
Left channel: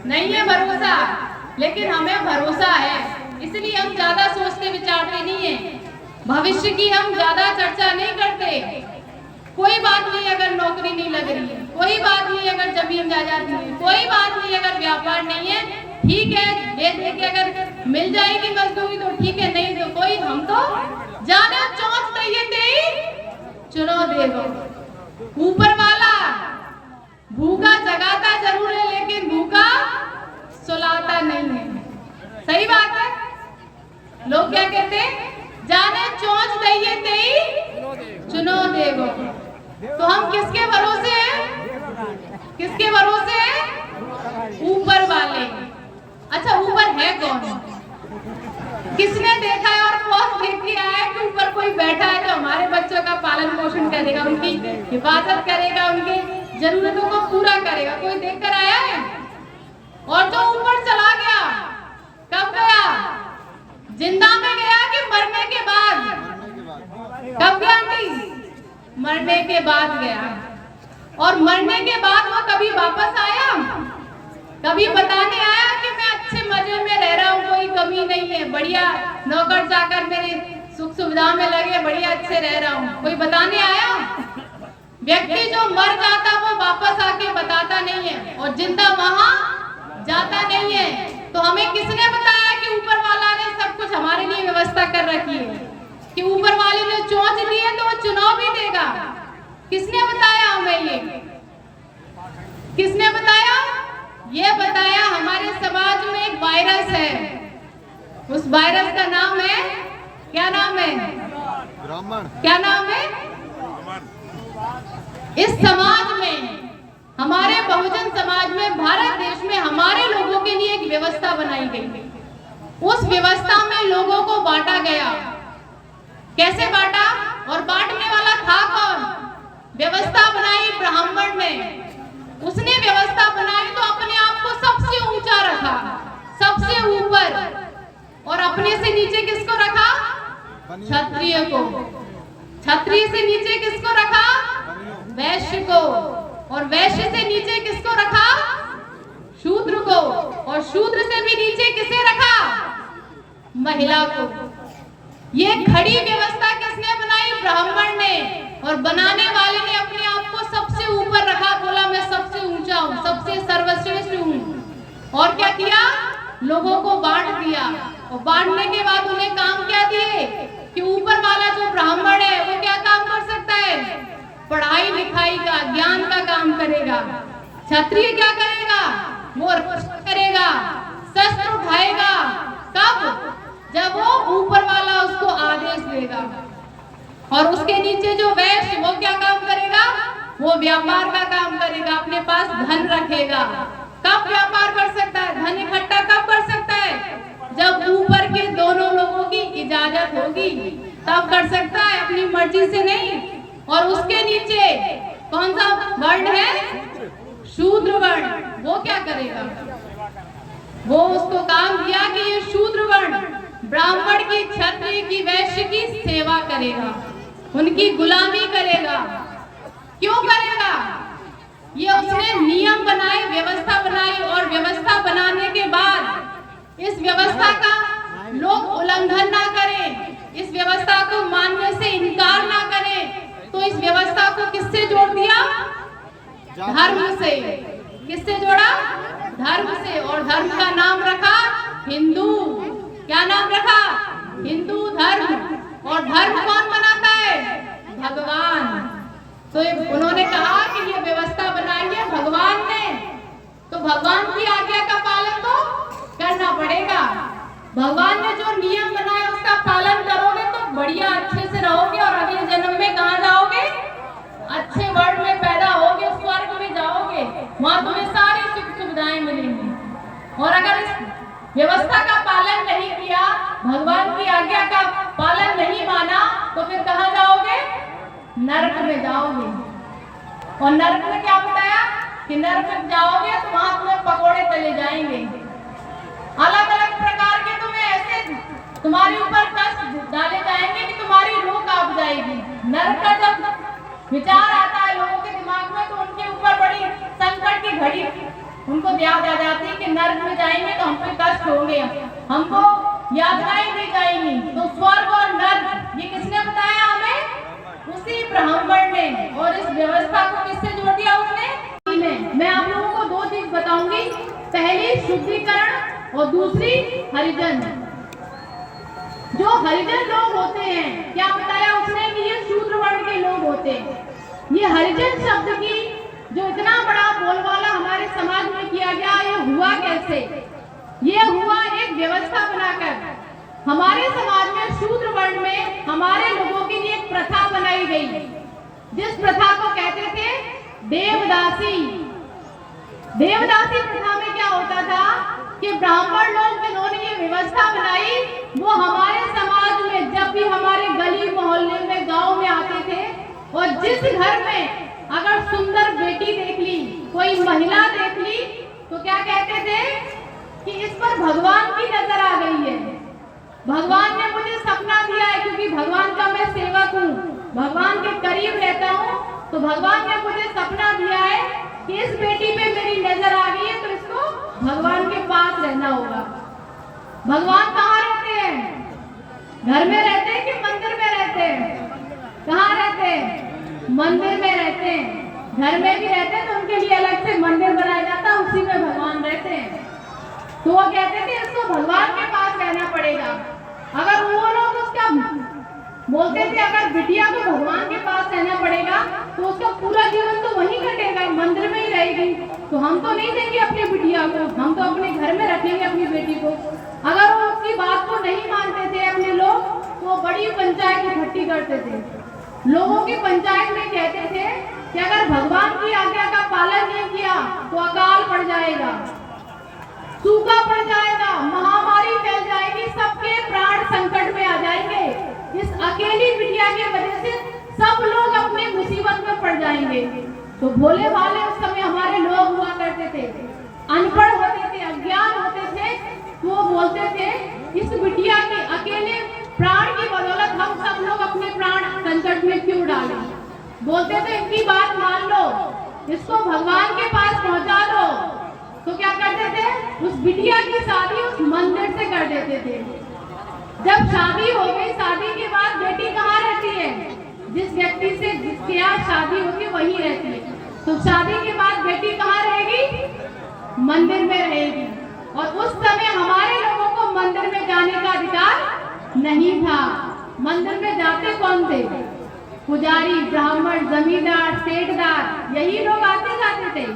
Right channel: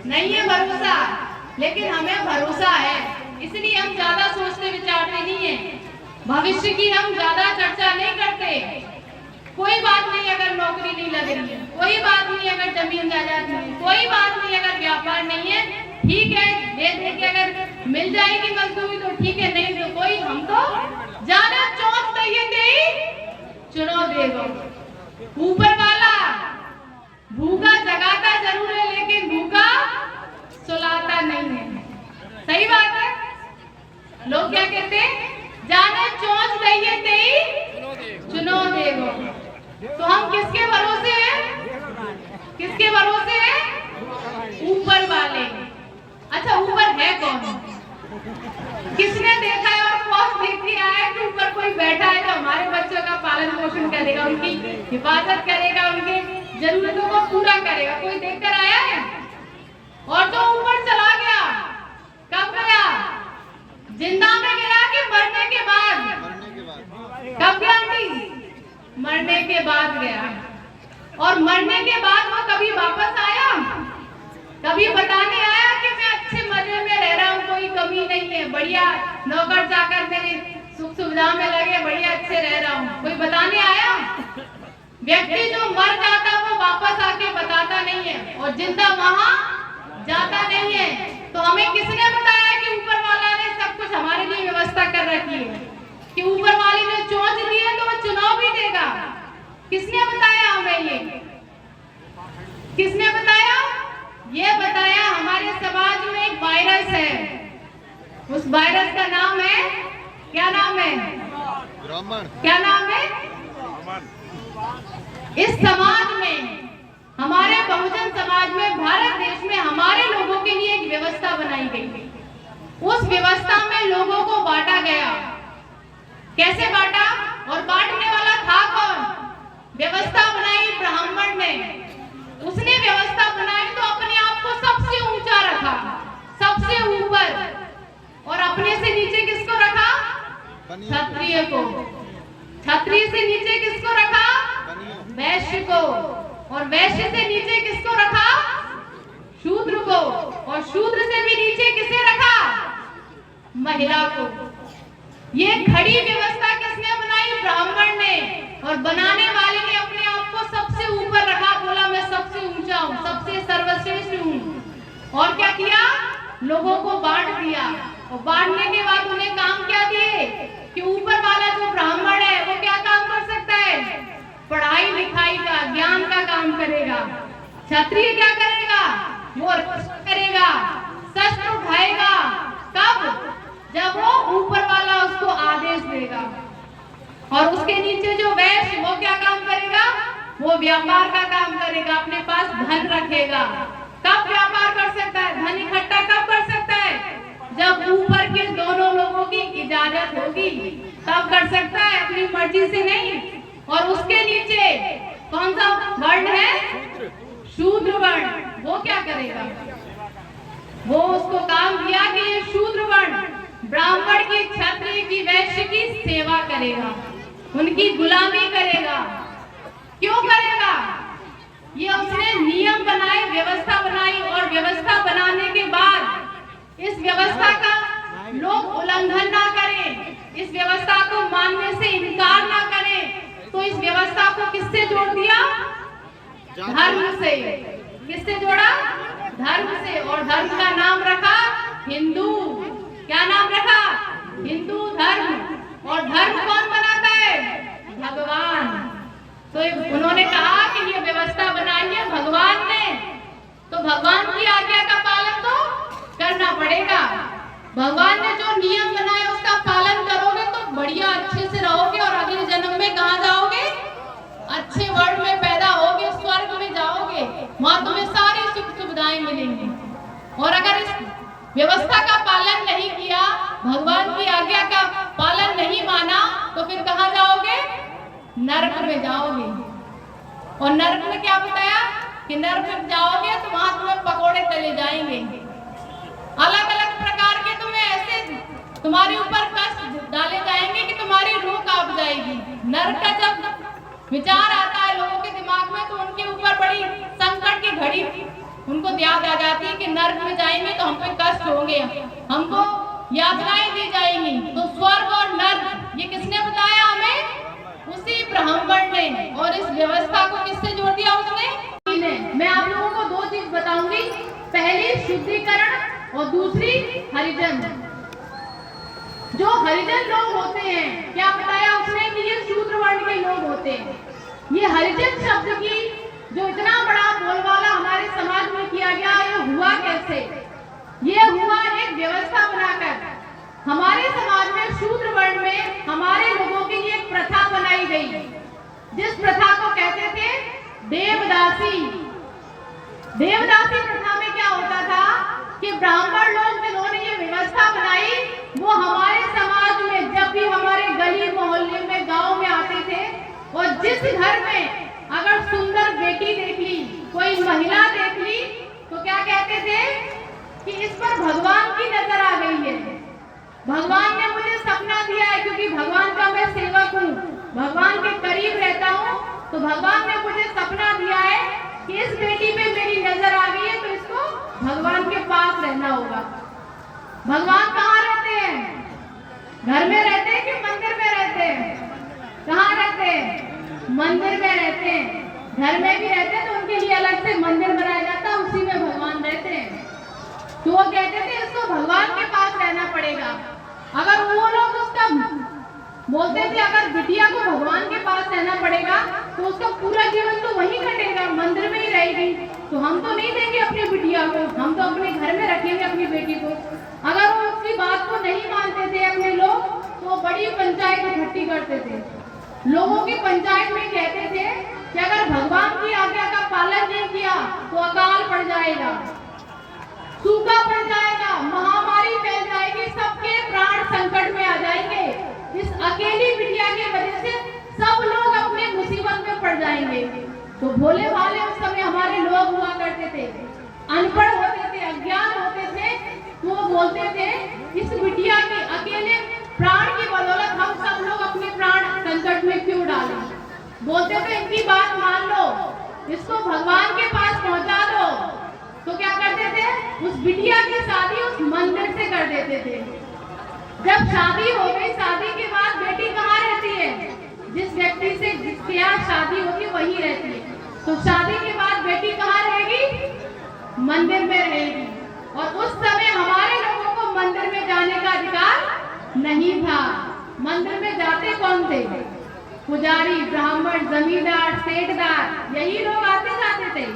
नहीं है भरोसा, लेकिन हमें भरोसा है। इसलिए हम ज्यादा सोचते विचारते नहीं है, भविष्य की हम ज्यादा चर्चा नहीं करते। कोई बात नहीं अगर नौकरी नहीं लग रही है, कोई बात नहीं अगर जमीन जायदाद नहीं, कोई बात नहीं अगर व्यापार नहीं है, ठीक है, दे दे के अगर मिल जाएगी मजदूरी तो ठीक है, नहीं तो कोई, हम तो जाना चौथ कहिए दे चुनो देगो। ऊपर वाला भूखा जगाता जरूर है, लेकिन भूखा सुलाता नहीं है। सही बात है। लोग क्या कहते हैं? जाने चौथ कहिए दे चुनो देगो। तो हम किसके भरोसे हैं? किसके भरोसे हैं? ऊपर वाले। अच्छा, ऊपर है कौन? किसने देखा है और कौन देख के आया है कि ऊपर कोई बैठा है जो हमारे बच्चों का पालन पोषण करेगा, उनकी हिफाजत करेगा, उनके जरूरतों को पूरा करेगा? कोई देख कर आया है? और जो ऊपर चला गया, कब गया? जिंदा में गया कि मरने के बाद? कब गया आंटी? मरने के बाद गया। और मरने के बाद वो कभी वापस आया? कभी बताने आया कि मैं अच्छे मजे में रह रहा हूँ, कोई कमी नहीं है, बढ़िया नौकर चाकर मेरे सुख सुविधा में लगे, बढ़िया अच्छे रह रहा हूँ, कोई बताने आया? व्यक्ति जो मर जाता वो वापस आके बताता नहीं है और जिंदा वहां जाता नहीं है। तो हमें किसने बताया कि ऊपर वाला ने सब कुछ हमारे लिए व्यवस्था कर रखी है, कि ऊपर वाले ने चोंच ली है तो वो चुनाव भी देगा? किसने बताया हमें ये? किसने बताया? ये बताया हमारे समाज में एक वायरस है, उस वायरस का नाम है, क्या नाम है? क्या नाम है? इस समाज में, हमारे बहुजन समाज में, भारत देश में हमारे लोगों के लिए एक व्यवस्था बनाई गई। उस व्यवस्था में लोगों को बांटा गया। कैसे बांटा? और बांटने वाला था कौन? व्यवस्था बनाई ब्राह्मण ने। उसने व्यवस्था बनाई तो अपने आप को सबसे ऊंचा रखा, सबसे ऊपर, और अपने से नीचे किसको रखा? क्षत्रिय को। क्षत्रिय से नीचे किसको रखा? वैश्य को। और वैश्य से नीचे किसको रखा? शूद्र को। और शूद्र से भी नीचे किसे रखा? महिला को। ये खड़ी व्यवस्था किसने बनाई? ब्राह्मण ने। और बनाने वाले ने अपने आप को सबसे ऊपर रखा, बोला मैं सबसे ऊंचा हूँ, सबसे सर्वश्रेष्ठ हूँ। और क्या किया? लोगों को बांट दिया। और बांटने के बाद उन्हें काम क्या दिए कि ऊपर वाला जो ब्राह्मण है वो क्या काम कर सकता है? पढ़ाई लिखाई का, ज्ञान का काम करेगा। क्षत्रिय क्या करेगा? वो रक्षा करेगा, शस्त्र उठाएगा। कब? जब वो ऊपर वाला उसको आदेश देगा। और उसके नीचे जो वैश्य, वो क्या काम करेगा? वो व्यापार का काम करेगा, अपने पास धन रखेगा। कब व्यापार कर सकता है? धन इकट्ठा कब कर सकता है? जब ऊपर के दोनों लोगों की इजाजत होगी तब कर सकता है, अपनी मर्जी से नहीं। और उसके नीचे कौन सा वर्ण है? शूद्र वर्ण। वो क्या करेगा? वो उसको काम दिया कि ये शूद्र वर्ण ब्राह्मण की, क्षत्रिय की, वैश्य की सेवा करेगा, उनकी गुलामी करेगा। क्यों करेगा? ये उसने नियम बनाए, व्यवस्था बनाई। और व्यवस्था बनाने के बाद इस व्यवस्था का लोग उल्लंघन ना करें, इस व्यवस्था को मानने से इनकार ना करें, तो इस व्यवस्था को किससे जोड़ दिया? धर्म से। किससे जोड़ा? धर्म से। और धर्म का नाम रखा हिंदू। क्या नाम रखा? हिंदू धर्म। और धर्म कौन बनाता है? भगवान। तो उन्होंने कहा कि ये व्यवस्था बनाई है भगवान ने, तो भगवान की आज्ञा का पालन तो करना पड़ेगा। भगवान ने जो नियम बनाया उसका पालन करोगे तो बढ़िया अच्छे से रहोगे और अगले जन्म में कहाँ जाओगे? अच्छे वर्ल्ड में पैदा होगे, स्वर्ग में जाओगे, वहां तुम्हें सारी सुख सुविधाएं मिलेंगी। और अगर इस व्यवस्था का पालन नहीं किया, भगवान की आज्ञा का पालन नहीं माना, तो फिर कहाँ जाओगे? नरक में जाओगे। और नरक में क्या बताया कि नरक में जाओगे तो वहां तुम्हें पकोड़े तले जाएंगे, अलग अलग प्रकार के तुम्हें ऐसे तुम्हारे ऊपर कष्ट डाले जाएंगे कि तुम्हारी रूह कांप जाएगी। नरक का जब विचार आता है लोगों के दिमाग में तो उनके ऊपर बड़ी संकट की घड़ी उनको याद आ जाती है कि नरक में जाएंगे तो हम पे कष्ट होंगे, हमको यातनाएं दी जाएंगी। तो स्वर्ग और नरक ये किसने बताया हमें? उसी ब्राह्मण ने। और इस व्यवस्था को किससे जोड़ दिया? उसने। मैं आप लोगों को दो चीज बताऊंगी, पहली शुद्धिकरण और दूसरी हरिजन। जो हरिजन लोग होते हैं, क्या बताया उसने कि ये शूद्र वर्ण के लोग होते हैं। ये हरिजन शब्द की जो इतना बड़ा बोलबाला हमारे समाज में किया गया, ये हुआ कैसे? ये हुआ एक व्यवस्था बनाकर। हमारे समाज में शूद्र वर्ण में हमारे लोगों के लिए एक प्रथा बनाई गई, जिस प्रथा को कहते थे देवदासी। देवदासी प्रथा में क्या होता था कि ब्राह्मण लोग जिन्होंने ये व्यवस्था बनाई, वो हमारे समाज में जब भी हमारे गली मोहल्ले में, गांव में आते थे, और जिस घर में अगर सुंदर बेटी देख ली, कोई महिला देख ली, तो क्या कहते थे कि इस पर भगवान की नजर आ गई है। भगवान ने मुझे सपना दिया है, क्योंकि भगवान का मैं सेवक हूँ, भगवान के करीब रहता हूँ, तो भगवान ने मुझे सपना दिया है कि इस बेटी पे मेरी नजर आ गई है तो इसको भगवान के पास रहना होगा। भगवान कहाँ रहते हैं? घर में रहते हैं कि मंदिर में रहते हैं? कहाँ रहते हैं? मंदिर में रहते हैं। घर में भी रहते हैं तो उनके लिए अलग से मंदिर बनाया जाता है, उसी में भगवान रहते हैं। तो वो कहते थे इसको भगवान के पास रहना पड़ेगा। अगर वो लोग उसका बोलते थे अगर बिटिया को भगवान के पास रहना पड़ेगा तो उसका पूरा जीवन तो वहीं कटेगा, मंदिर में ही रहेगी, तो हम तो नहीं देंगे अपनी बिटिया को, हम तो अपने घर में रखेंगे अपनी बेटी को। अगर वो उसकी बात को नहीं मानते थे अपने लोग, तो वो बड़ी पंचायत इकट्ठी करते थे। लोगों की पंचायत में कहते थे कि अगर भगवान की आज्ञा का पालन नहीं किया तो अकाल पड़ जाएगा, सूखा पड़ जाएगा, महामारी फैल जाएगी, सबके प्राण संकट में आ जाएंगे। इस अकेली बिटिया की वजह से सब लोग अपने मुसीबत में पड़ जाएंगे। तो भोले भाले उस समय हमारे लोग हुआ करते थे, अनपढ़ होते थे, अज्ञान होते थे, तो वो बोलते थे इस बिटिया के अकेले प्राण की बदौलत हम सब लोग अपने प्राण संकट में क्यों डालें। बोलते थे इनकी बात मान लो, इसको भगवान के पास पहुंचा दो। तो क्या करते थे? उस बिटिया की शादी उस मंदिर से कर देते थे। जब शादी हो गई, शादी के बाद बेटी कहाँ रहती है? जिस व्यक्ति से जिसके यहाँ शादी होती है वहीं रहती है। तो शादी के बाद बेटी कहाँ रहेगी? मंदिर में रहेगी। और उस समय हमारे लोगों को मंदिर में जाने का अधिकार नहीं था। मंदिर में जाते कौन थे? पुजारी, ब्राह्मण, जमींदार, सेठदार, यही लोग आते जाते थे।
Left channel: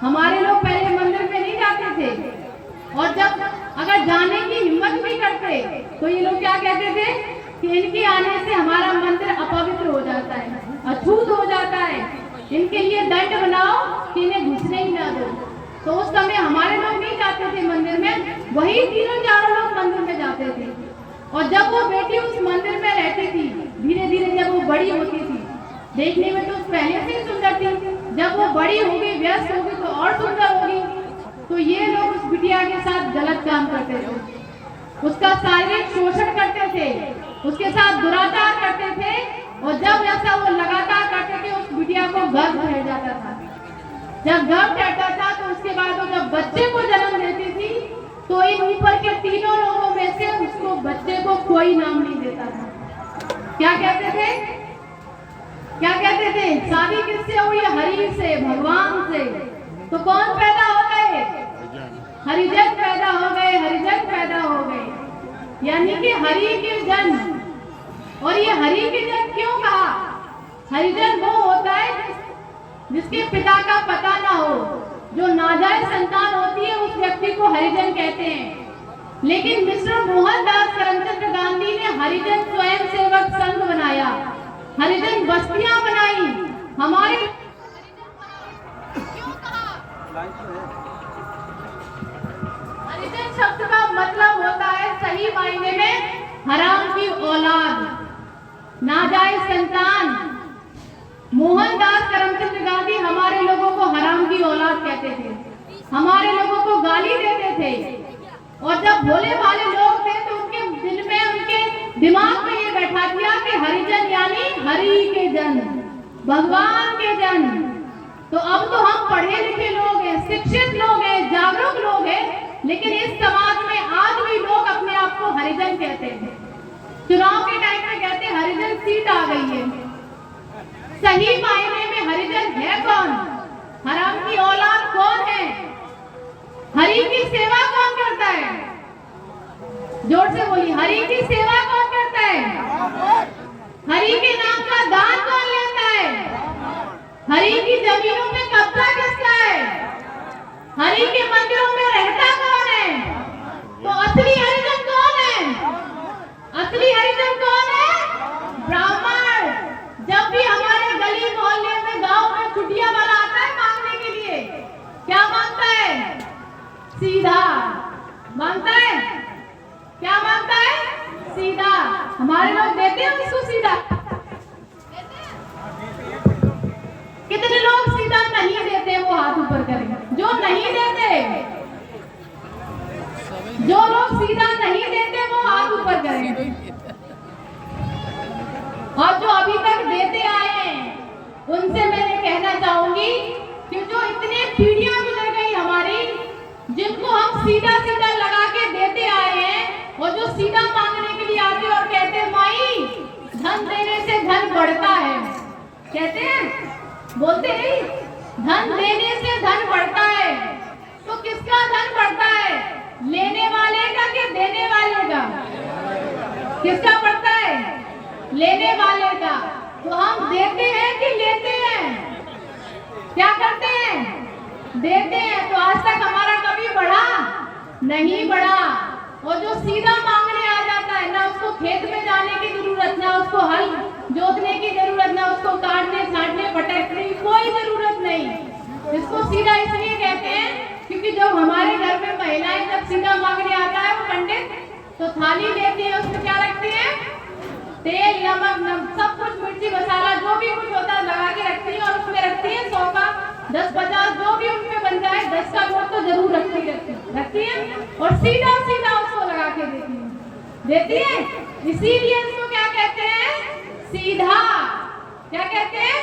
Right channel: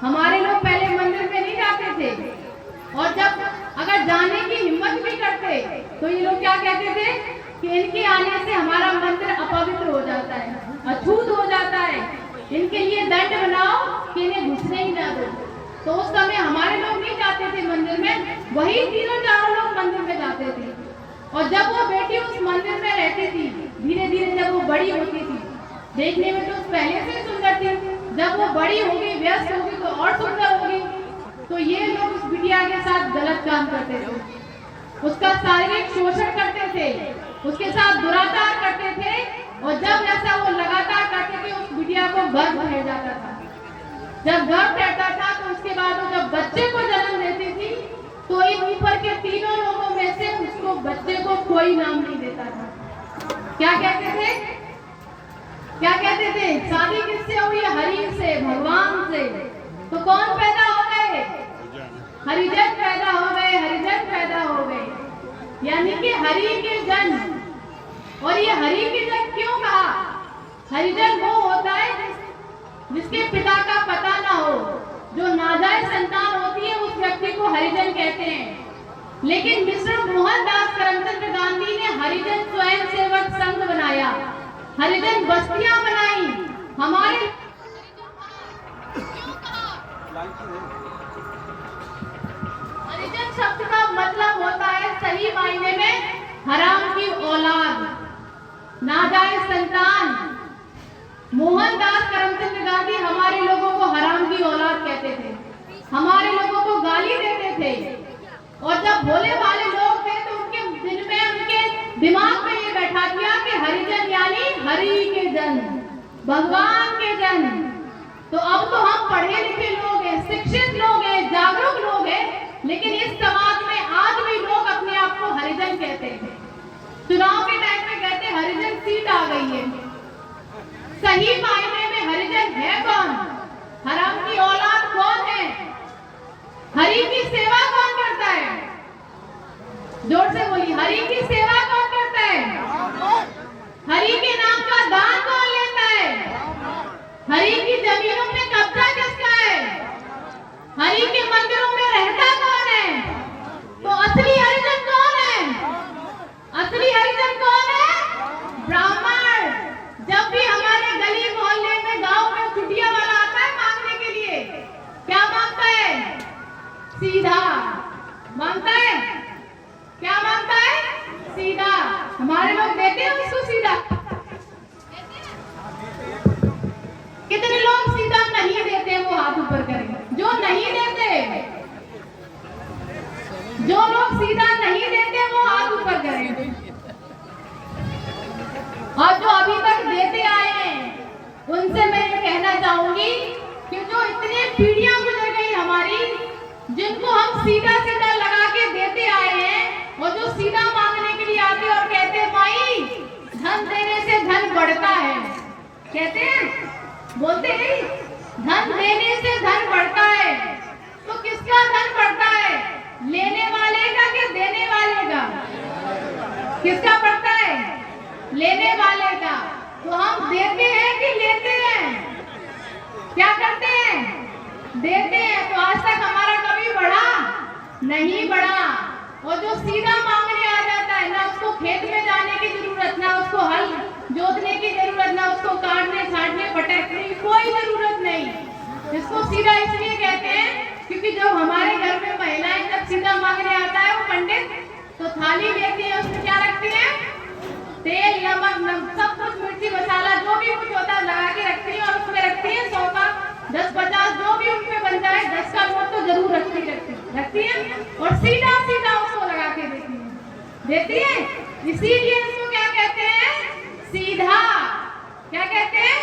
हमारे लोग पहले मंदिर में नहीं जाते थे। और जब अगर जाने की हिम्मत भी करते तो ये लोग क्या कहते थे कि इनके आने से हमारा मंदिर अपवित्र हो जाता है, अछूत हो जाता है, इनके लिए दंड बनाओ कि इन्हें घुसने ही ना दो। तो उस समय हमारे लोग नहीं जाते थे मंदिर में, वही तीनों चारों लोग मंदिर में जाते थे। और जब वो बेटी उस मंदिर में रहती थी, धीरे धीरे जब वो बड़ी होती थी, देखने में तो पहले से सुंदर थी, जब वो बड़ी होगी, व्यस्त होगी तो और सुंदर होगी। तो ये लोग उस बिटिया के साथ गलत काम करते थे, उसका शारीरिक शोषण करते थे, उसके साथ दुराचार करते थे। और जब ऐसा वो लगातार करते थे, उस बिटिया को गर्भ रह जाता था। जब गर्भ रहता था तो उसके बाद वो जब बच्चे को जन्म देती थी तो इन ऊपर के तीनों लोगों में से उसको बच्चे को कोई नाम नहीं देता था। क्या कहते थे? क्या कहते थे? शादी किससे हुई? हरि से, भगवान से। तो कौन पैदा हो गए? हरिजन पैदा हो गए, हरिजन पैदा हो गए, यानी कि हरि के जन। और ये हरि के जन क्यों कहा? हरिजन वो होता है जिसके पिता का पता ना हो, जो नाजायज संतान होती है उस व्यक्ति को हरिजन कहते हैं। लेकिन मिस्टर मोहनदास करमचंद गांधी ने हरिजन स्वयं सेवक संघ बनाया, हरिजन बस्तियां बनाई। हमारे क्यों कहा? हरिजन शब्द का मतलब होता है सही मायने में हराम की औलाद, नाजायज संतान। मोहनदास करमचंद गांधी हमारे लोगों को हराम की औलाद कहते थे, हमारे लोगों को गाली देते थे। और जब भोले भाले लोग थे तो उनके दिल में, उनके दिमाग में ये बैठा दिया कि हरिजन यानी हरि के जन, भगवान के जन। तो अब तो हम पढ़े लिखे लोग हैं, शिक्षित लोग हैं, जागरूक लोग हैं, लेकिन इस समाज में आज भी लोग अपने आप को हरिजन कहते हैं। चुनाव के टाइम में कहते हैं हरिजन सीट आ गई है। सही मायने में हरिजन है कौन? हराम की औलाद कौन है? हरि की सेवा कौन करता है? जोर से बोली, हरि की सेवा कौन करता है? हरि के नाम का दान कौन लेता है? हरि की जमीनों पे कब्जा किसका है? हरि के मंदिरों में रहता कौन है? तो असली हरिजन कौन है? असली हरिजन कौन है? ब्राह्मण। जब भी हमारे गली मोहल्ले में, गांव में छुट्टियां वाला आता है मांगने के लिए, क्या मांगता है? सीधा मांगता है। क्या मांगता है? सीधा। हमारे लोग देते हैं उसको सीधा? कितने लोग सीधा नहीं देते? वो हाथ ऊपर करें जो नहीं देते। जो लोग सीधा नहीं देते वो हाथ ऊपर करें। उनसे मैं ये कहना चाहूंगी कि जो इतने पीढ़ियां गुजर गई हमारी, जिनको हम सीधा सीधा लगा के देते आए हैं, और जो सीधा मांगने के लिए आते और कहते हैं माई धन देने से धन बढ़ता है, कहते हैं, बोलते नहीं, धन देने से धन बढ़ता है। तो किसका धन बढ़ता है, लेने वाले का कि देने वाले का? किसका बढ़ता है, लेने वाले का। तो हम देते हैं कि लेते हैं, क्या करते हैं, देते हैं। तो आज तक हमारा कभी बढ़ा नहीं बढ़ा। और जो सीधा मांगने आ जाता है, ना उसको खेत में जाने की जरूरत, ना उसको हल जोतने की जरूरत, ना उसको काटने छाटने भटकने की कोई जरूरत नहीं। इसको सीधा इसलिए कहते हैं क्योंकि जो हमारे घर में महिलाएं जब सीधा मांगने आता है वो पंडित, तो थाली लेती है, उसमें क्या रखती है, तेल नमक सब कुछ मिर्ची मसाला जो भी कुछ होता है लगा के रखती है, और उसमें रखती है 100 का 10-50 जो भी उनमें बन जाए 10 का नोट तो जरूर रखती है, और सीधा सीधा उसको लगा के देती है। इसीलिए इसको क्या कहते हैं, सीधा। क्या कहते हैं,